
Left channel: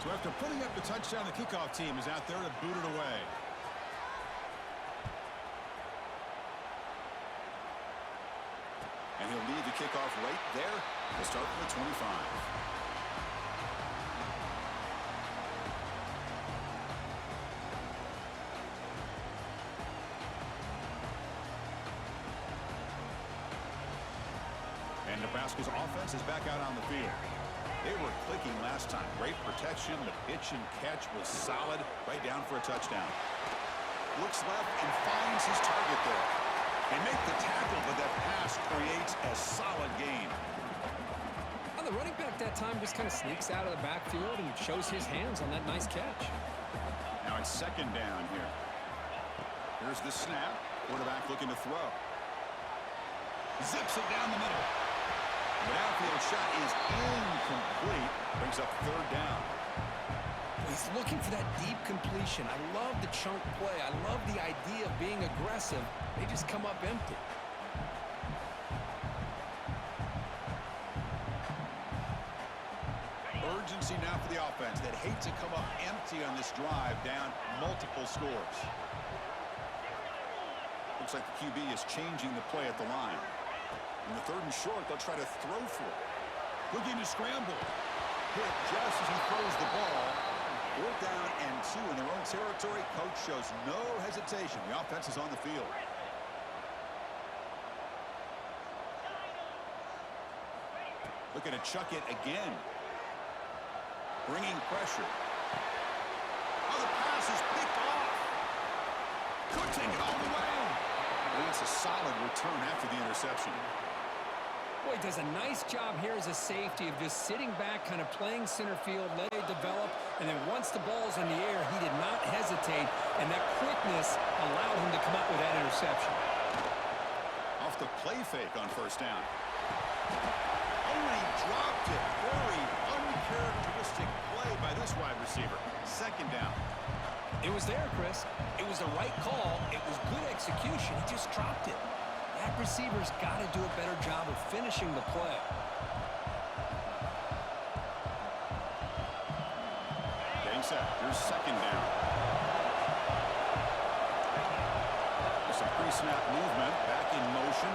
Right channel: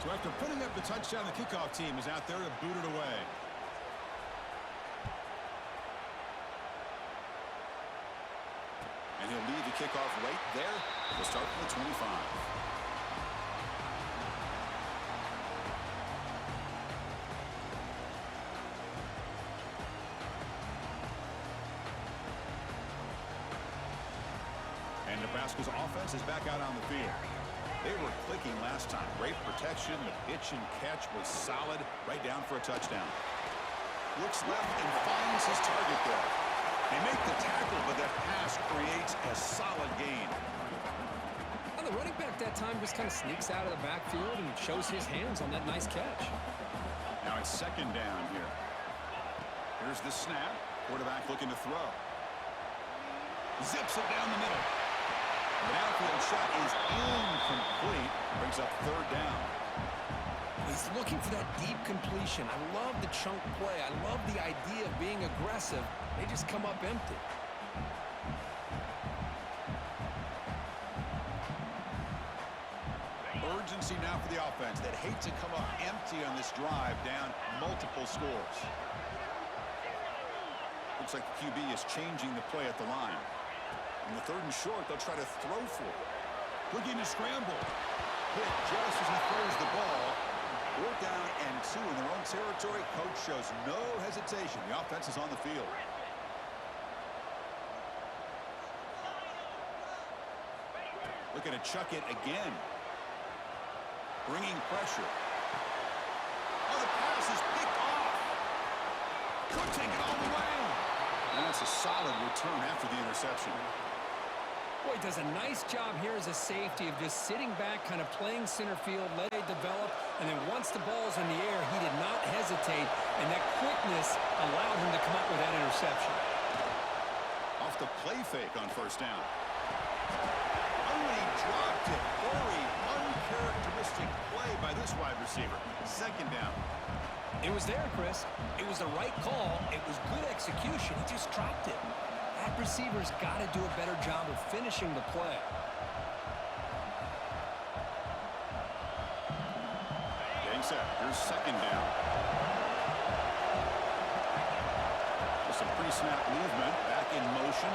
So after putting up the touchdown, the kickoff team is out there to boot it away. And he'll leave the kickoff right there. We'll start from the 25. And Nebraska's offense is back out on the field. They were clicking last time. Great protection. The pitch and catch was solid. Right down for a touchdown. Looks left and finds his target there. They make the tackle, but that pass creates a solid gain. Well, the running back that time just kind of sneaks out of the backfield and shows his hands on that nice catch. Now it's second down here. Here's the snap. Quarterback looking to throw. Zips it down the middle. The downfield shot is incomplete. Brings up third down. He's looking for that deep completion. I love the chunk play. I love the idea of being aggressive. They just come up empty. Urgency now for the offense that hate to come up empty on this drive, down multiple scores. Looks like the QB is changing the play at the line. In the third and short, they'll try to throw for it. Looking to scramble. Hit just as he throws the ball. 4th down and 2 in their own territory. Coach shows no hesitation. The offense is on the field. Looking to chuck it again. Bringing pressure. Oh, the pass is picked off. Could take it all the way. And that's a solid return after the interception. Boy, does a nice job here as a safety of just sitting back, kind of playing center field, let it develop, and then once the ball's in the air, he did not hesitate, and that quickness allowed him to come up with that interception. Off the play fake on first down. Oh, and he dropped it. Very uncharacteristic play by this wide receiver. Second down. It was there, Chris. It was the right call. It was good execution. He just dropped it. That receiver's got to do a better job of finishing the play. Getting set. Here's second down. There's some pre-snap movement. Back in motion.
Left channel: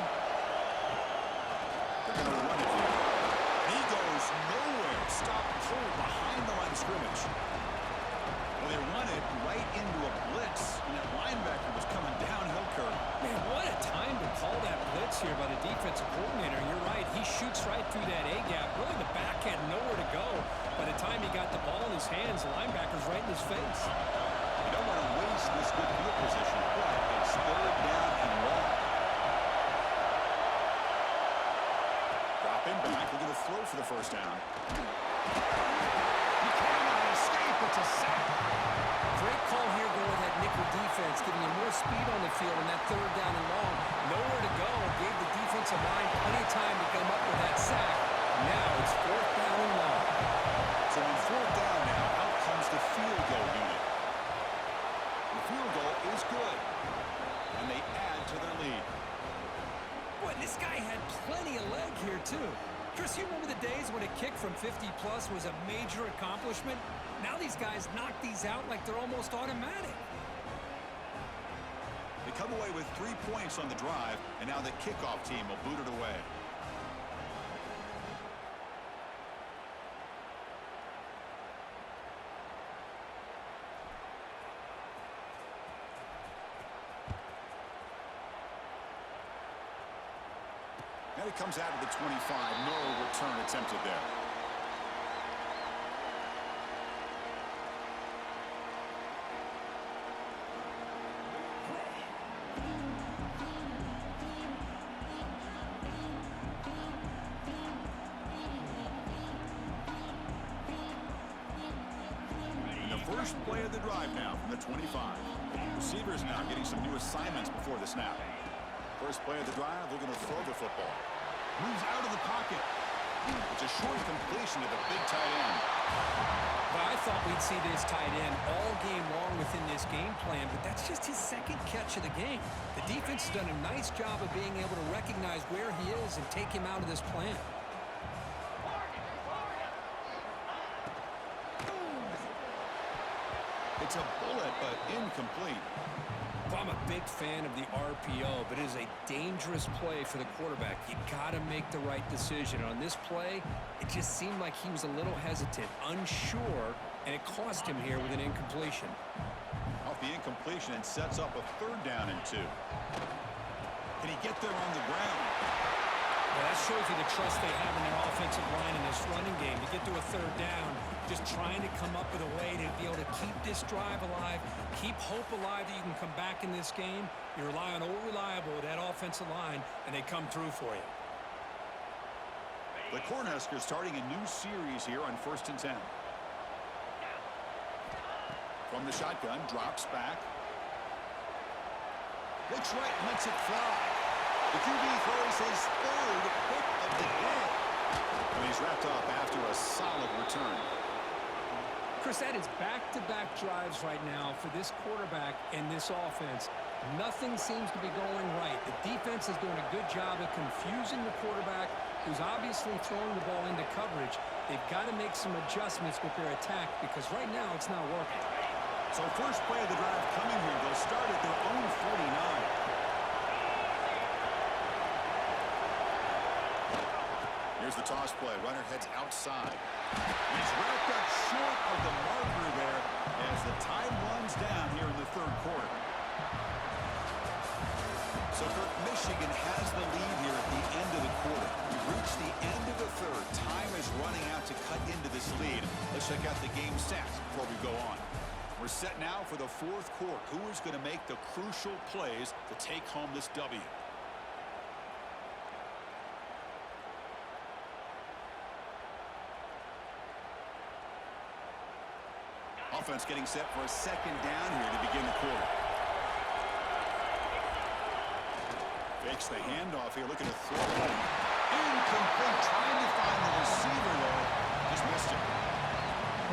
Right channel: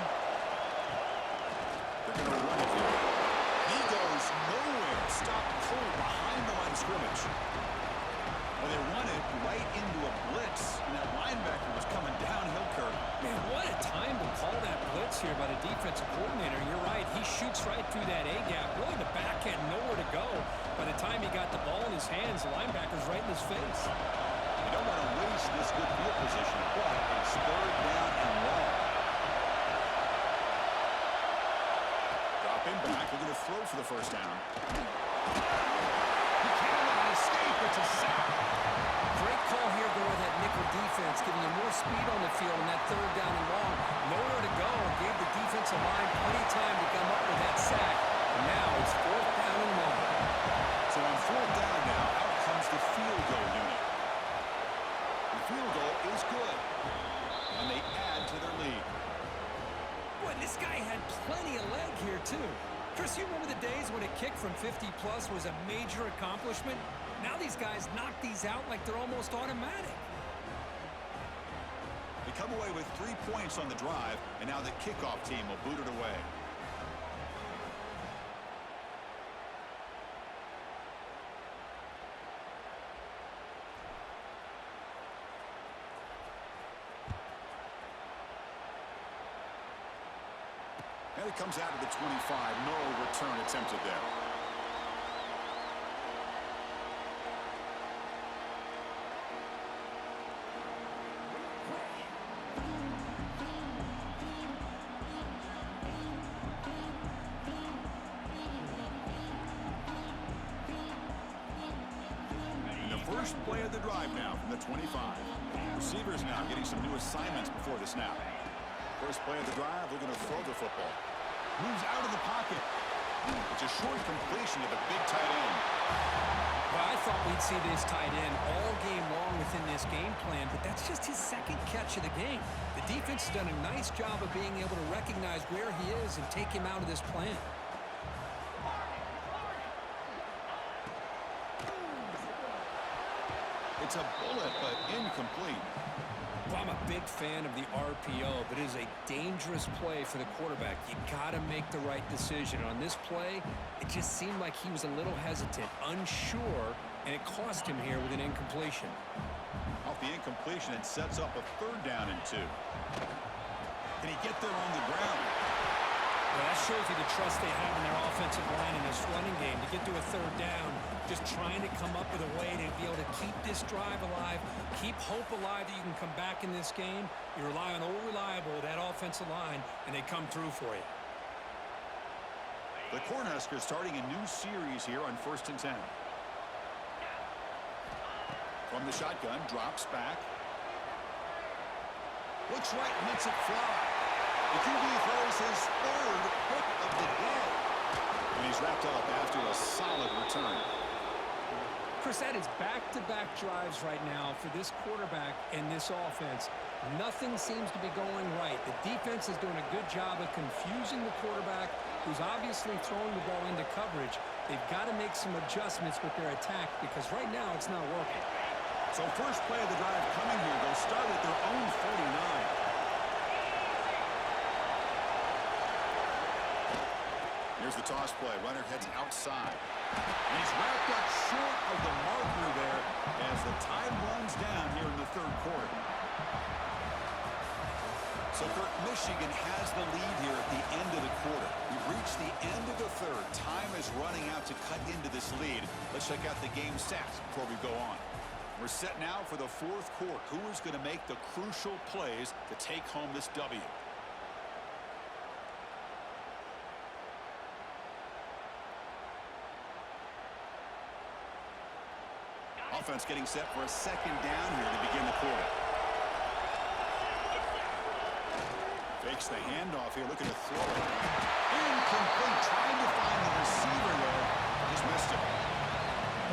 They're going to run it here. He goes nowhere. Stopped cold behind the line of scrimmage. Well, they run it right into a blitz, and that linebacker was coming downhill, Kirk. Man, what a time to call that blitz here by the defensive coordinator. You're right. He shoots right through that A-gap. Really, the back had nowhere to go. By the time he got the ball in his hands, the linebacker's right in his face. You don't want to waste this good field position, but it's third down and long. Dropping back, looking to throw for the first down. He cannot escape. It's a sack. Great call here going with that nickel defense, giving him more speed on the field in that third down and long. Nowhere to go. Gave the defensive line plenty of time to come up with that sack. And now it's 4th down and long. So on 4th down now, out comes the field goal unit. The field goal is good. And they add to their lead. Boy, this guy had plenty of leg here, too. Chris, you remember the days when a kick from 50-plus was a major accomplishment? Now these guys knock these out like they're almost automatic. They come away with 3 points on the drive, and now the kickoff team will boot it away. And it comes out of the 25. No return attempted there. First play of the drive now from the 25. Receivers now getting some new assignments before the snap. First play of the drive, looking to throw the football. Moves out of the pocket. It's a short completion to the big tight end. Well, I thought we'd see this tight end all game long within this game plan, but that's just his second catch of the game. The defense has done a nice job of being able to recognize where he is and take him out of this plan. It's a bullet, but incomplete. Well, I'm a big fan of the RPO, but it is a dangerous play for the quarterback. You got to make the right decision. On this play, it just seemed like he was a little hesitant, unsure, and it cost him here with an incompletion. Off the incompletion, and sets up a 3rd down and 2. Can he get there on the ground? Well, that shows you the trust they have in their offensive line in this running game. To get to a 3rd down, just trying to come up with a way to be able to keep this drive alive, keep hope alive that you can come back in this game. You rely on old reliable, that offensive line, and they come through for you. The Cornhuskers starting a new series here on 1st and 10. From the shotgun, drops back. Looks right, lets it fly. The QB throws his 3rd pick of the day. And he's wrapped up after a solid return. Chris, that is back-to-back drives right now for this quarterback and this offense. Nothing seems to be going right. The defense is doing a good job of confusing the quarterback, who's obviously throwing the ball into coverage. They've got to make some adjustments with their attack because right now it's not working. So first play of the drive coming here. They'll start at their own 49. Here's the toss play. Runner heads outside. And he's wrapped up short of the marker there as the time runs down here in the 3rd quarter. So Kirk, Michigan has the lead here at the end of the quarter. We've reached the end of the 3rd. Time is running out to cut into this lead. Let's check out the game stats before we go on. We're set now for the 4th quarter. Who is going to make the crucial plays to take home this W? Offense getting set for a 2nd down here to begin the quarter. Fakes the handoff here, looking to throw it. Incomplete, trying to find the receiver there. Just missed him.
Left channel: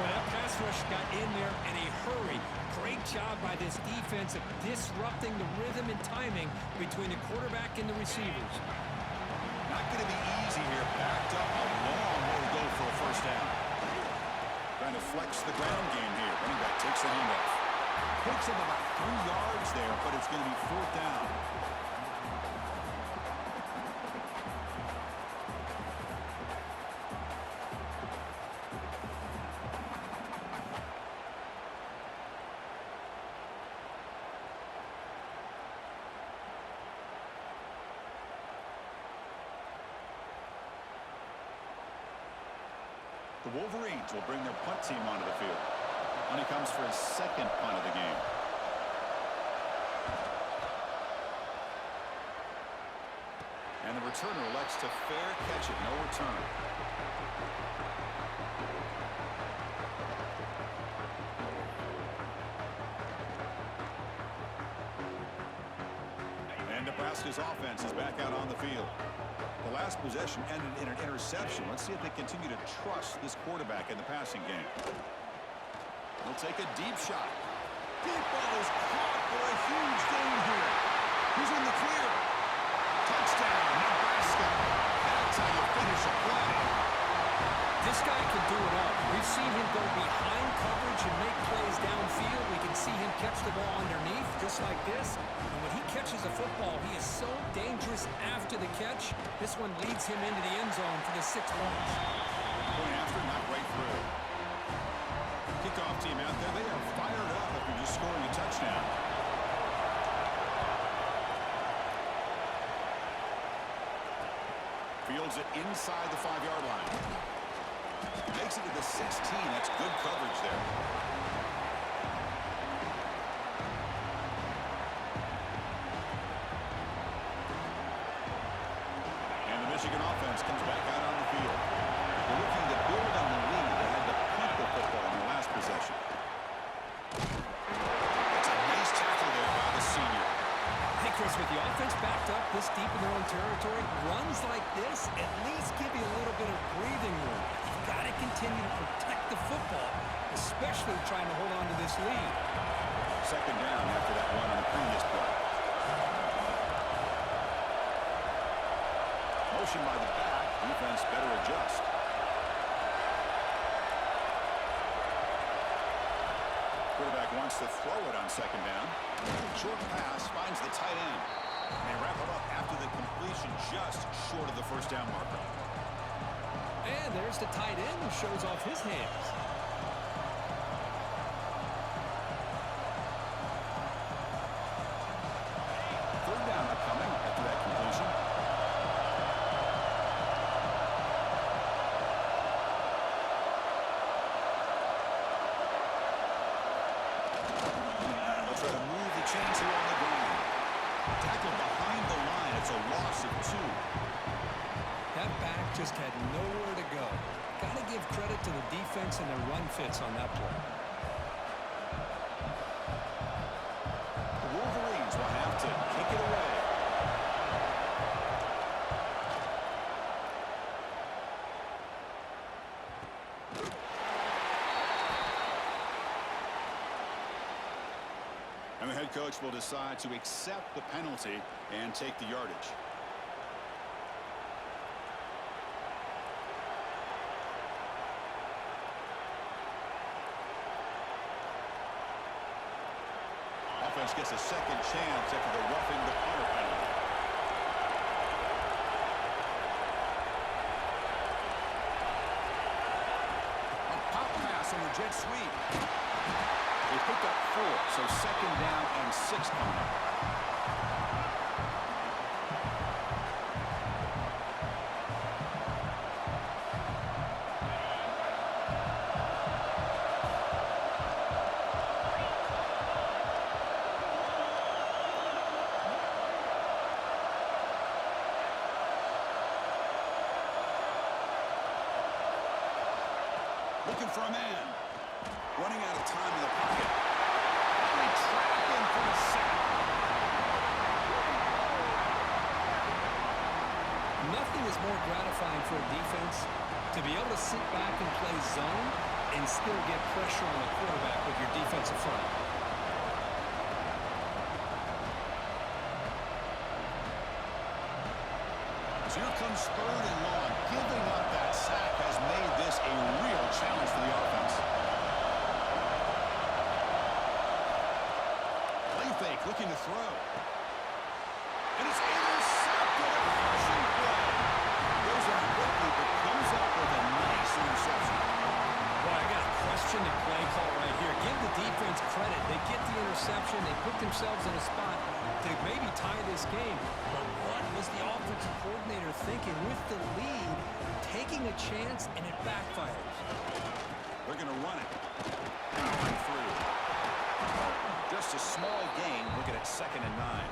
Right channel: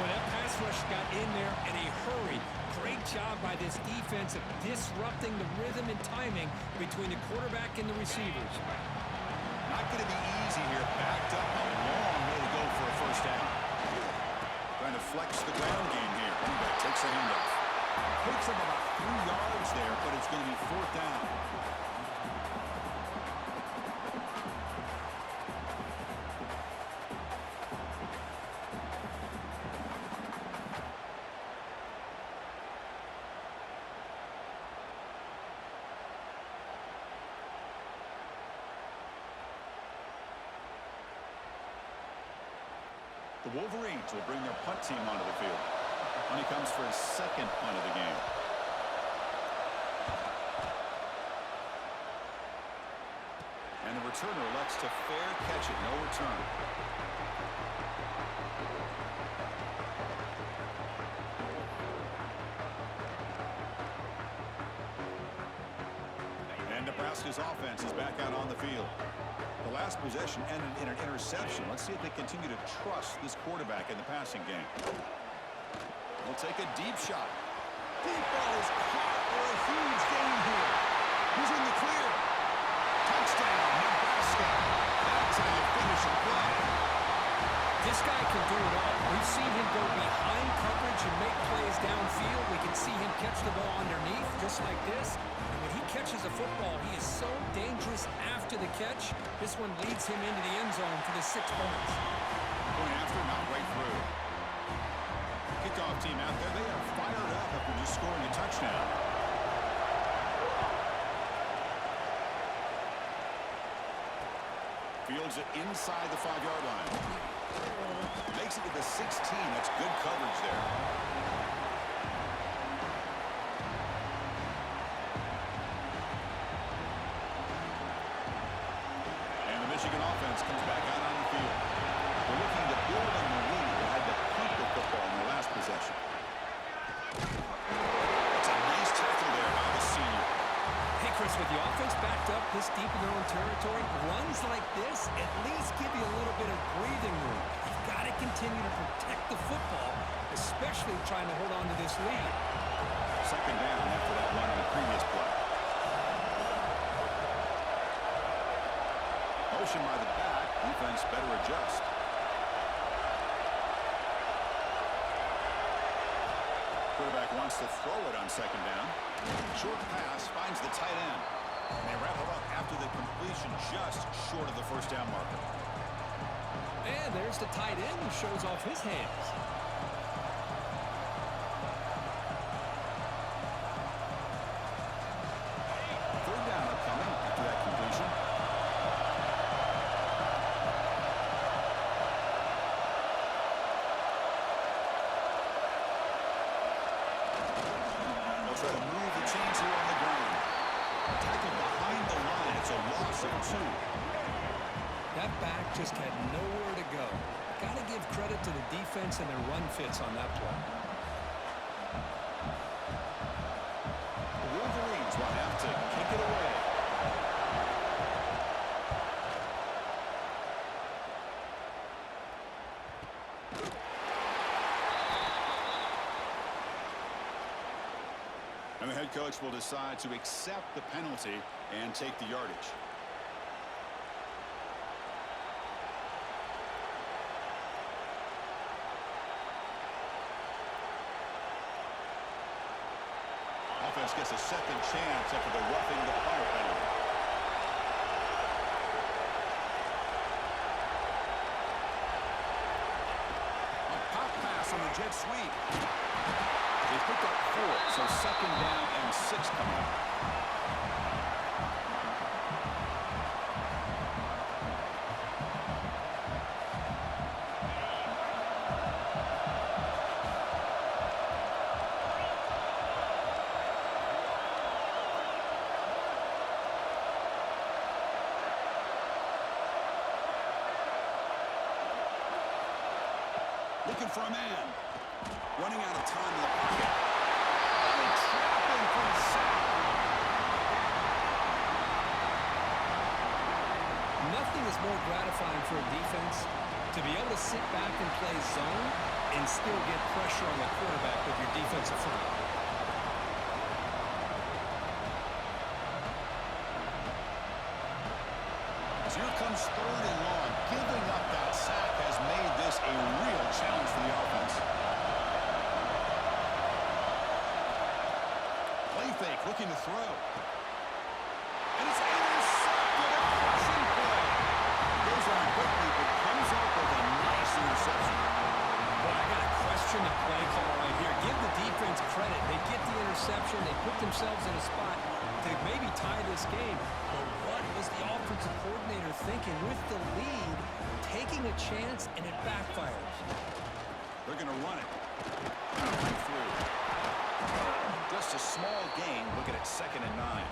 Boy, that pass rush got in there in a hurry. Great job by this defense of disrupting the rhythm and timing between the quarterback and the receivers. Not going to be easy here. Backed up a long way to go for a 1st down. Trying to flex the ground game here. Running back takes the handoff. Picks up about 3 yards there, but it's going to be 4th down. The Wolverines will bring their punt team onto the field. When he comes for his 2nd punt of the game. And the returner elects to fair catch it. No return. And Nebraska's offense is back out on the field. The last possession ended in an interception. Let's see if they continue to trust this quarterback in the passing game. He'll take a deep shot. Deep ball is caught for a huge gain here. He's in the clear. Touchdown, Nebraska. That's how you finish a play. This guy can do it all. We've seen him go behind coverage and make plays downfield. We can see him catch the ball underneath, just like this. And when he catches a football, he is so dangerous after the catch. This one leads him into the end zone for the 6 points. Point after, not right through. Kickoff team out there, they are fired up after just scoring a touchdown. Fields it inside the 5-yard line. Makes it to the 16. That's good coverage there. And the Michigan offense comes back out on the field. They're looking to build on the lead. They had to punt the football in their last possession. Hey, Chris, with the offense backed up this deep in their own territory, runs like this at least give you a little bit of breathing room. You've got to continue to protect the football, especially trying to hold on to this lead. Second down after that run in the previous play. Motion by the back. Defense better adjust. Quarterback wants to throw it on second down. Short pass finds the tight end. And they wrap it up after the completion just short of the first down marker. And there's the tight end who shows off his hands. Third down upcoming after that completion. Try to move the chains here on the ground. Tackled behind the line. It's a loss of 2. That back just had nowhere to go. Got to give credit to the defense and their run fits on that play. The Wolverines will have to kick it away. And the head coach will decide to accept the penalty and take the yardage. Offense gets a second chance after the roughing the punter penalty. A pop pass on the jet sweep. They picked up 4, so second down and 6 coming up. Looking for a man. Running out of time in the pocket. And they trap him for a sack. Nothing is more gratifying for a defense to be able to sit back and play zone and still get pressure on the quarterback with your defensive front. So here comes third and long. Giving up that sack has made this a real challenge for the offense. Play fake, looking to throw. And it's intercepted. A crushing play. Goes out quickly, but comes up with a nice interception. Boy, I got to question the play call right here. Give the defense credit. They get the interception. They put themselves in a spot to maybe tie this game. But what was the offensive coordinator thinking with the lead, taking a chance, and it backfires? They're going to run it. Powering through. Just a small gain. Looking at 2nd and 9.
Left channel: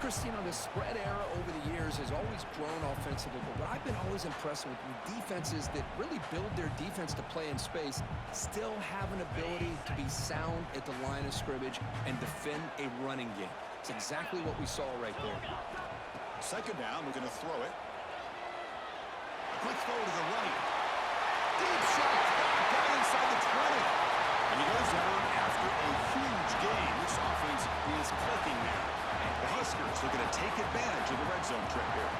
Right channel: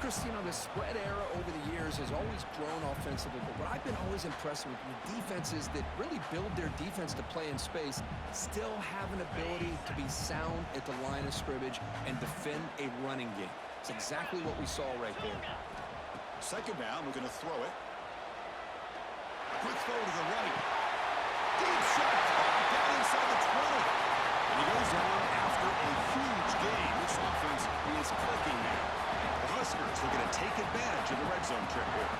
Chris, you know, the spread era over the years has always grown offensively, but what I've been always impressed with defenses that really build their defense to play in space still have an ability to be sound at the line of scrimmage and defend a running game. It's exactly what we saw right there. Second down, looking to throw it. A quick throw to the right. Deep shot caught down inside the 20. And he goes down after a huge gain. This offense is clicking now. The Huskers looking to take advantage of the red zone trip here.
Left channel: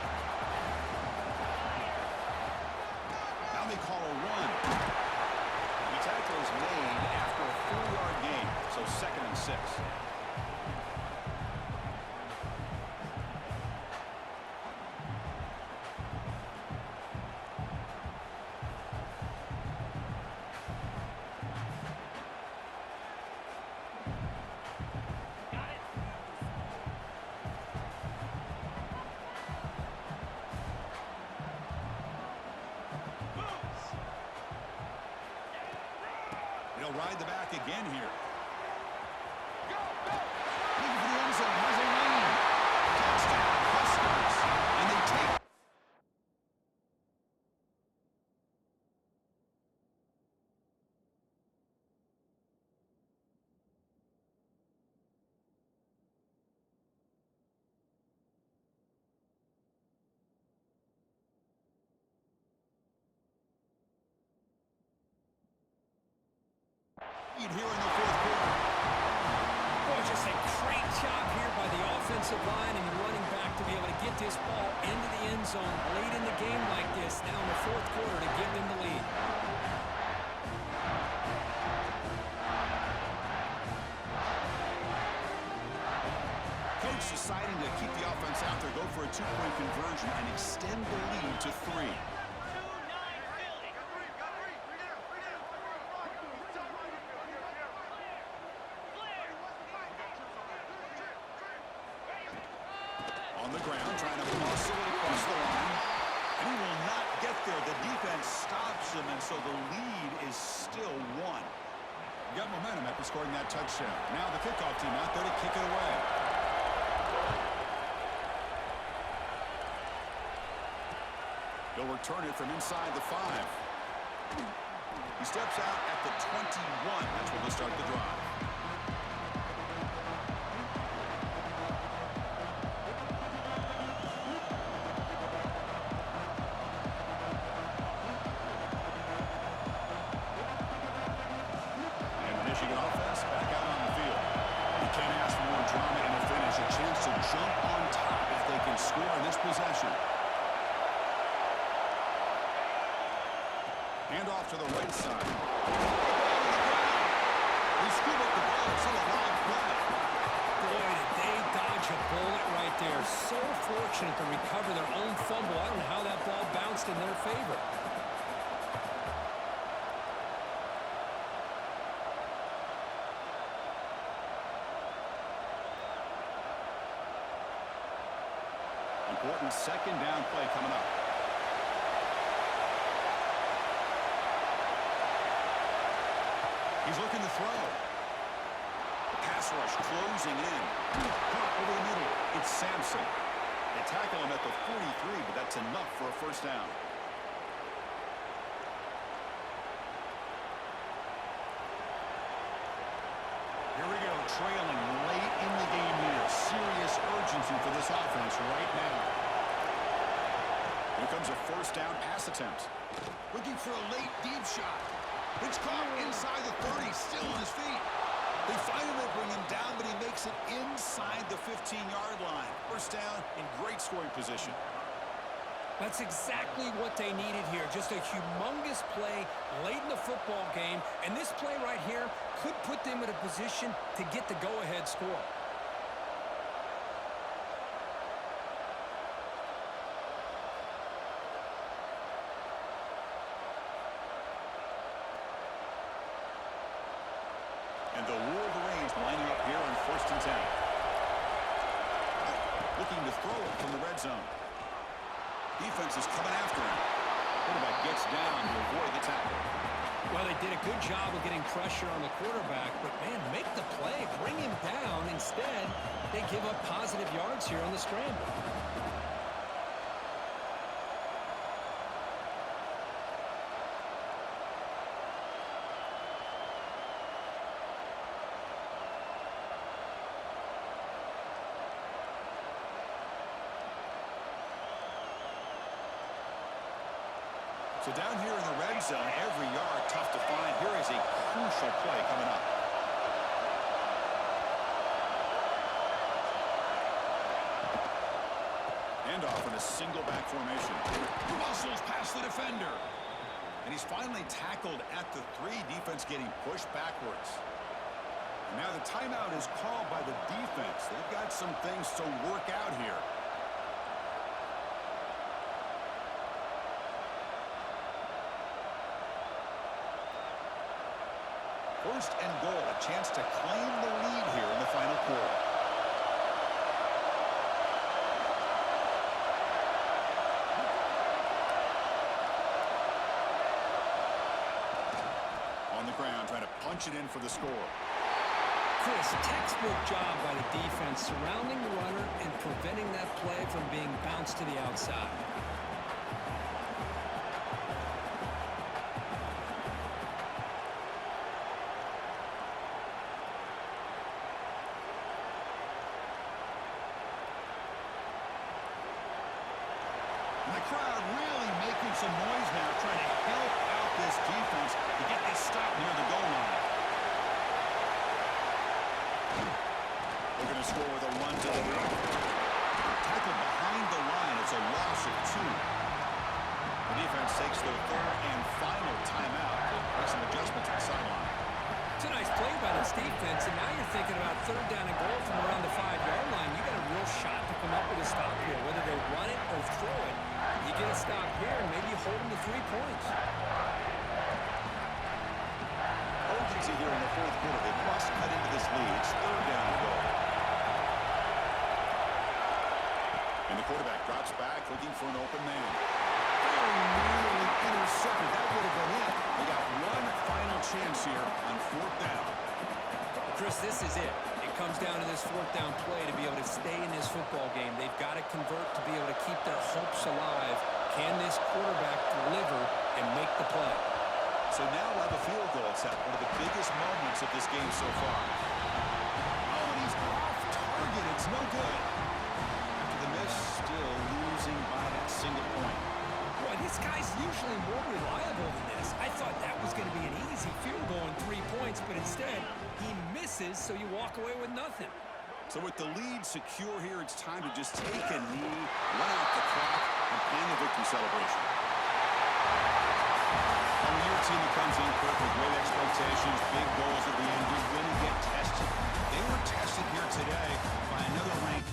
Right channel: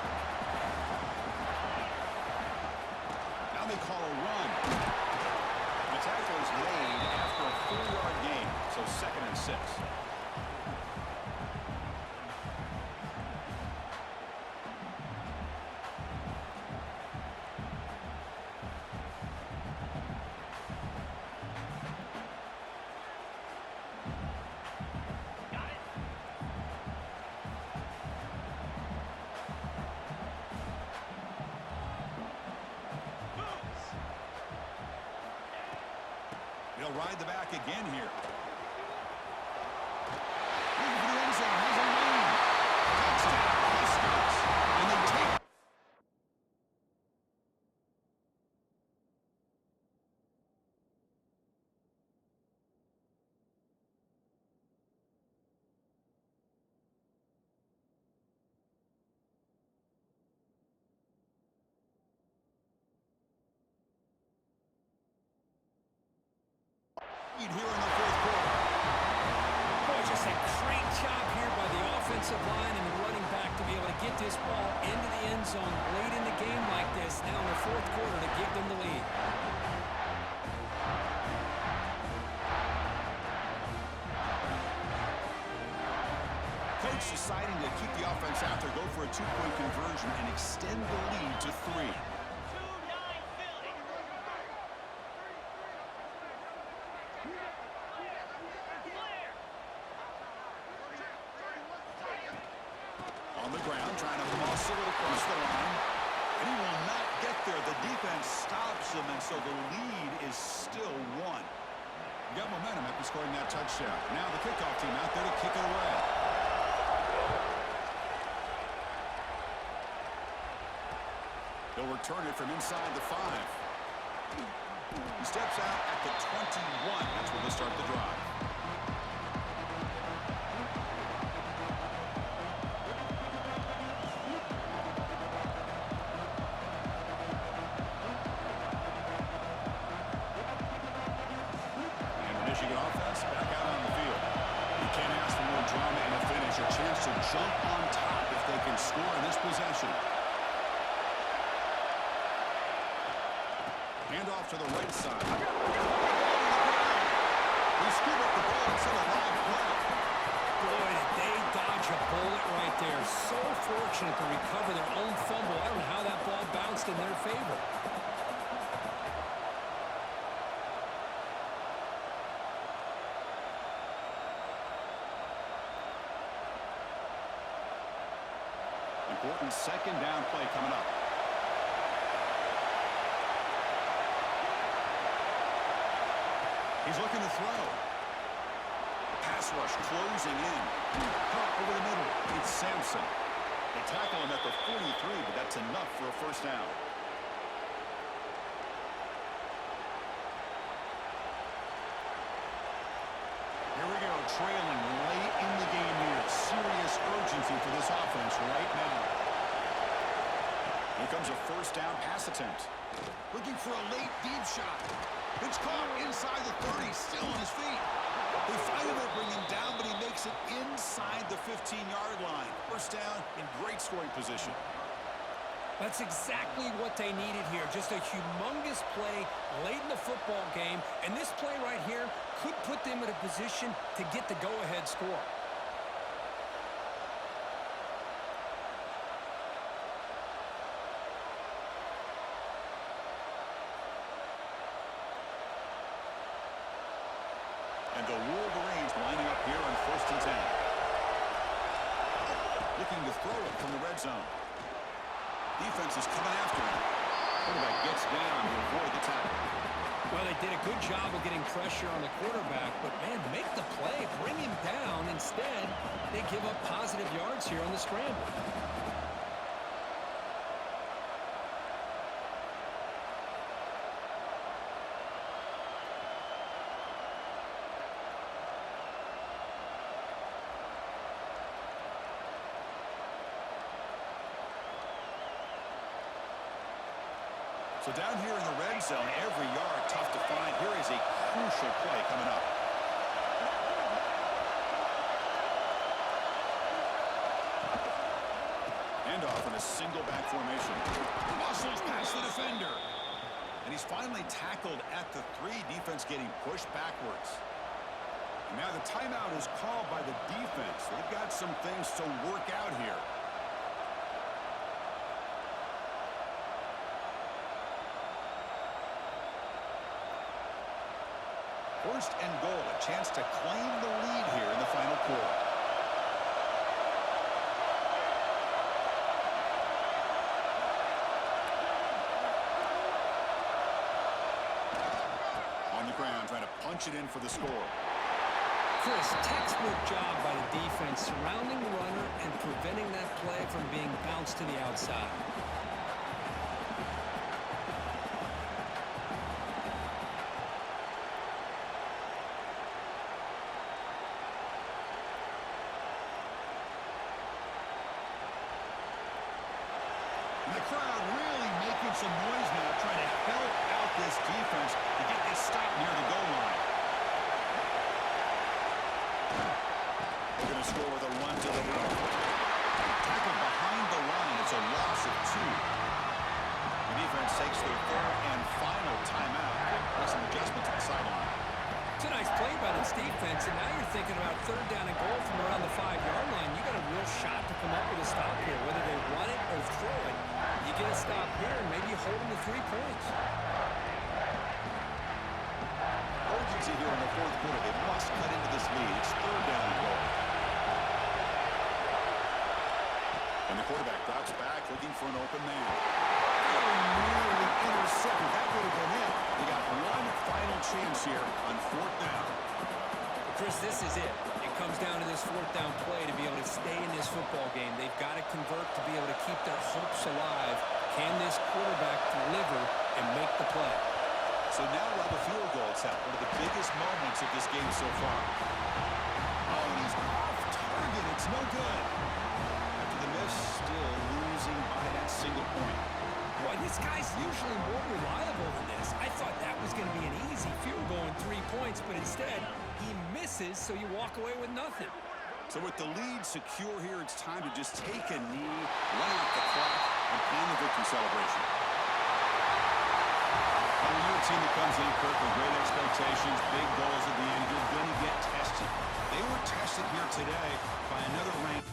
Now they call a run. The tackle is made after a 4-yard gain, so 2nd and 6. He'll ride the back again here. Looking for the end zone. Has a lane. Touchdown, Huskers. And they take lead here in the fourth quarter. Boy, just a great job here by the offensive line and the running back to be able to get this ball into the end zone late in the game like this, now in the fourth quarter, to give them the lead. Coach deciding to keep the offense out there, go for a two-point conversion, and extend the lead to 3. On the ground, trying to muscle it across the line. And he will not get there. The defense stops him, and so the lead is still 1. You got momentum after scoring that touchdown. Now the kickoff team out there to kick it away. He'll return it from inside the 5. He steps out at the 21. That's where they'll start the drive. Michigan offense back out on the field. You can't ask for more drama in a finish. A chance to jump on top if they can score in this possession. Hand off to the right side. They scoop up the ball. It's still a live play. Boy, did they dodge a bullet right there. So fortunate to recover their own fumble. I don't know how that ball bounced in their favor. Important second down play coming up. He's looking to throw. The pass rush closing in. Caught over the middle. It's Sampson. They tackle him at the 43, but that's enough for a first down. Here we go, trailing late in the game here. Serious urgency for this offense right now. Here comes a first down pass attempt. Looking for a late deep shot. It's caught inside the 30, still on his feet. They finally bring him down, but he makes it inside the 15-yard line. First down in great scoring position. That's exactly what they needed here. Just a humongous play late in the football game. And this play right here could put them in a position to get the go-ahead score. And the Wolverines lining up here on 1st and 10. Looking to throw it from the red zone. Defense is coming after him. Quarterback gets down to avoid the tackle. Well, they did a good job of getting pressure on the quarterback, but, man, make the play. Bring him down. Instead, they give up positive yards here on the scramble. So down here in the red zone, every yard tough to find. Here is a crucial play coming up. Handoff in a single back formation. Muscles past the defender. And he's finally tackled at the 3. Defense getting pushed backwards. And now the timeout is called by the defense. They've got some things to work out here. First and goal, a chance to claim the lead here in the final quarter. On the ground, trying to punch it in for the score. Chris, textbook job by the defense surrounding the runner and preventing that play from being bounced to the outside. And the crowd really making some noise now, trying to help out this defense to get this stop near the goal line. going to score with a run to the right. Tackled behind the line. It's a loss of 2. The defense takes their third and final timeout to make some adjustments at the sideline. It's a nice play by this defense, and now you're thinking about third down and goal from around the 5-yard line. You got a real shot to come up with a stop here, whether they run it or throw it. You get a stop here, and maybe you hold them to 3 points. Urgency here in the fourth quarter. They must cut into this lead. It's third down and goal. And the quarterback drops back, looking for an open man. Very nearly intercepted. That would have been it. They got one final chance here on fourth down. Well, Chris, this is it. It comes down to this fourth down play to be able to stay in this football game. They've got to convert to be able to keep their hopes alive. Can this quarterback deliver and make the play? So now we'll have a field goal attempt, one of the biggest moments of this game so far. Oh, and he's off target. It's no good. After the miss, still losing by that single point. Boy, this guy's usually more reliable than this. I thought that was going to be an easy field goal in 3 points, but instead, he misses, so you walk away with nothing. So with the lead secure here, it's time to just take a knee, run out the clock, and plan the victory celebration. When you're a team that comes in, Kirk, with great expectations, big goals at the end, you're going to get tested. They were tested here today by another ranked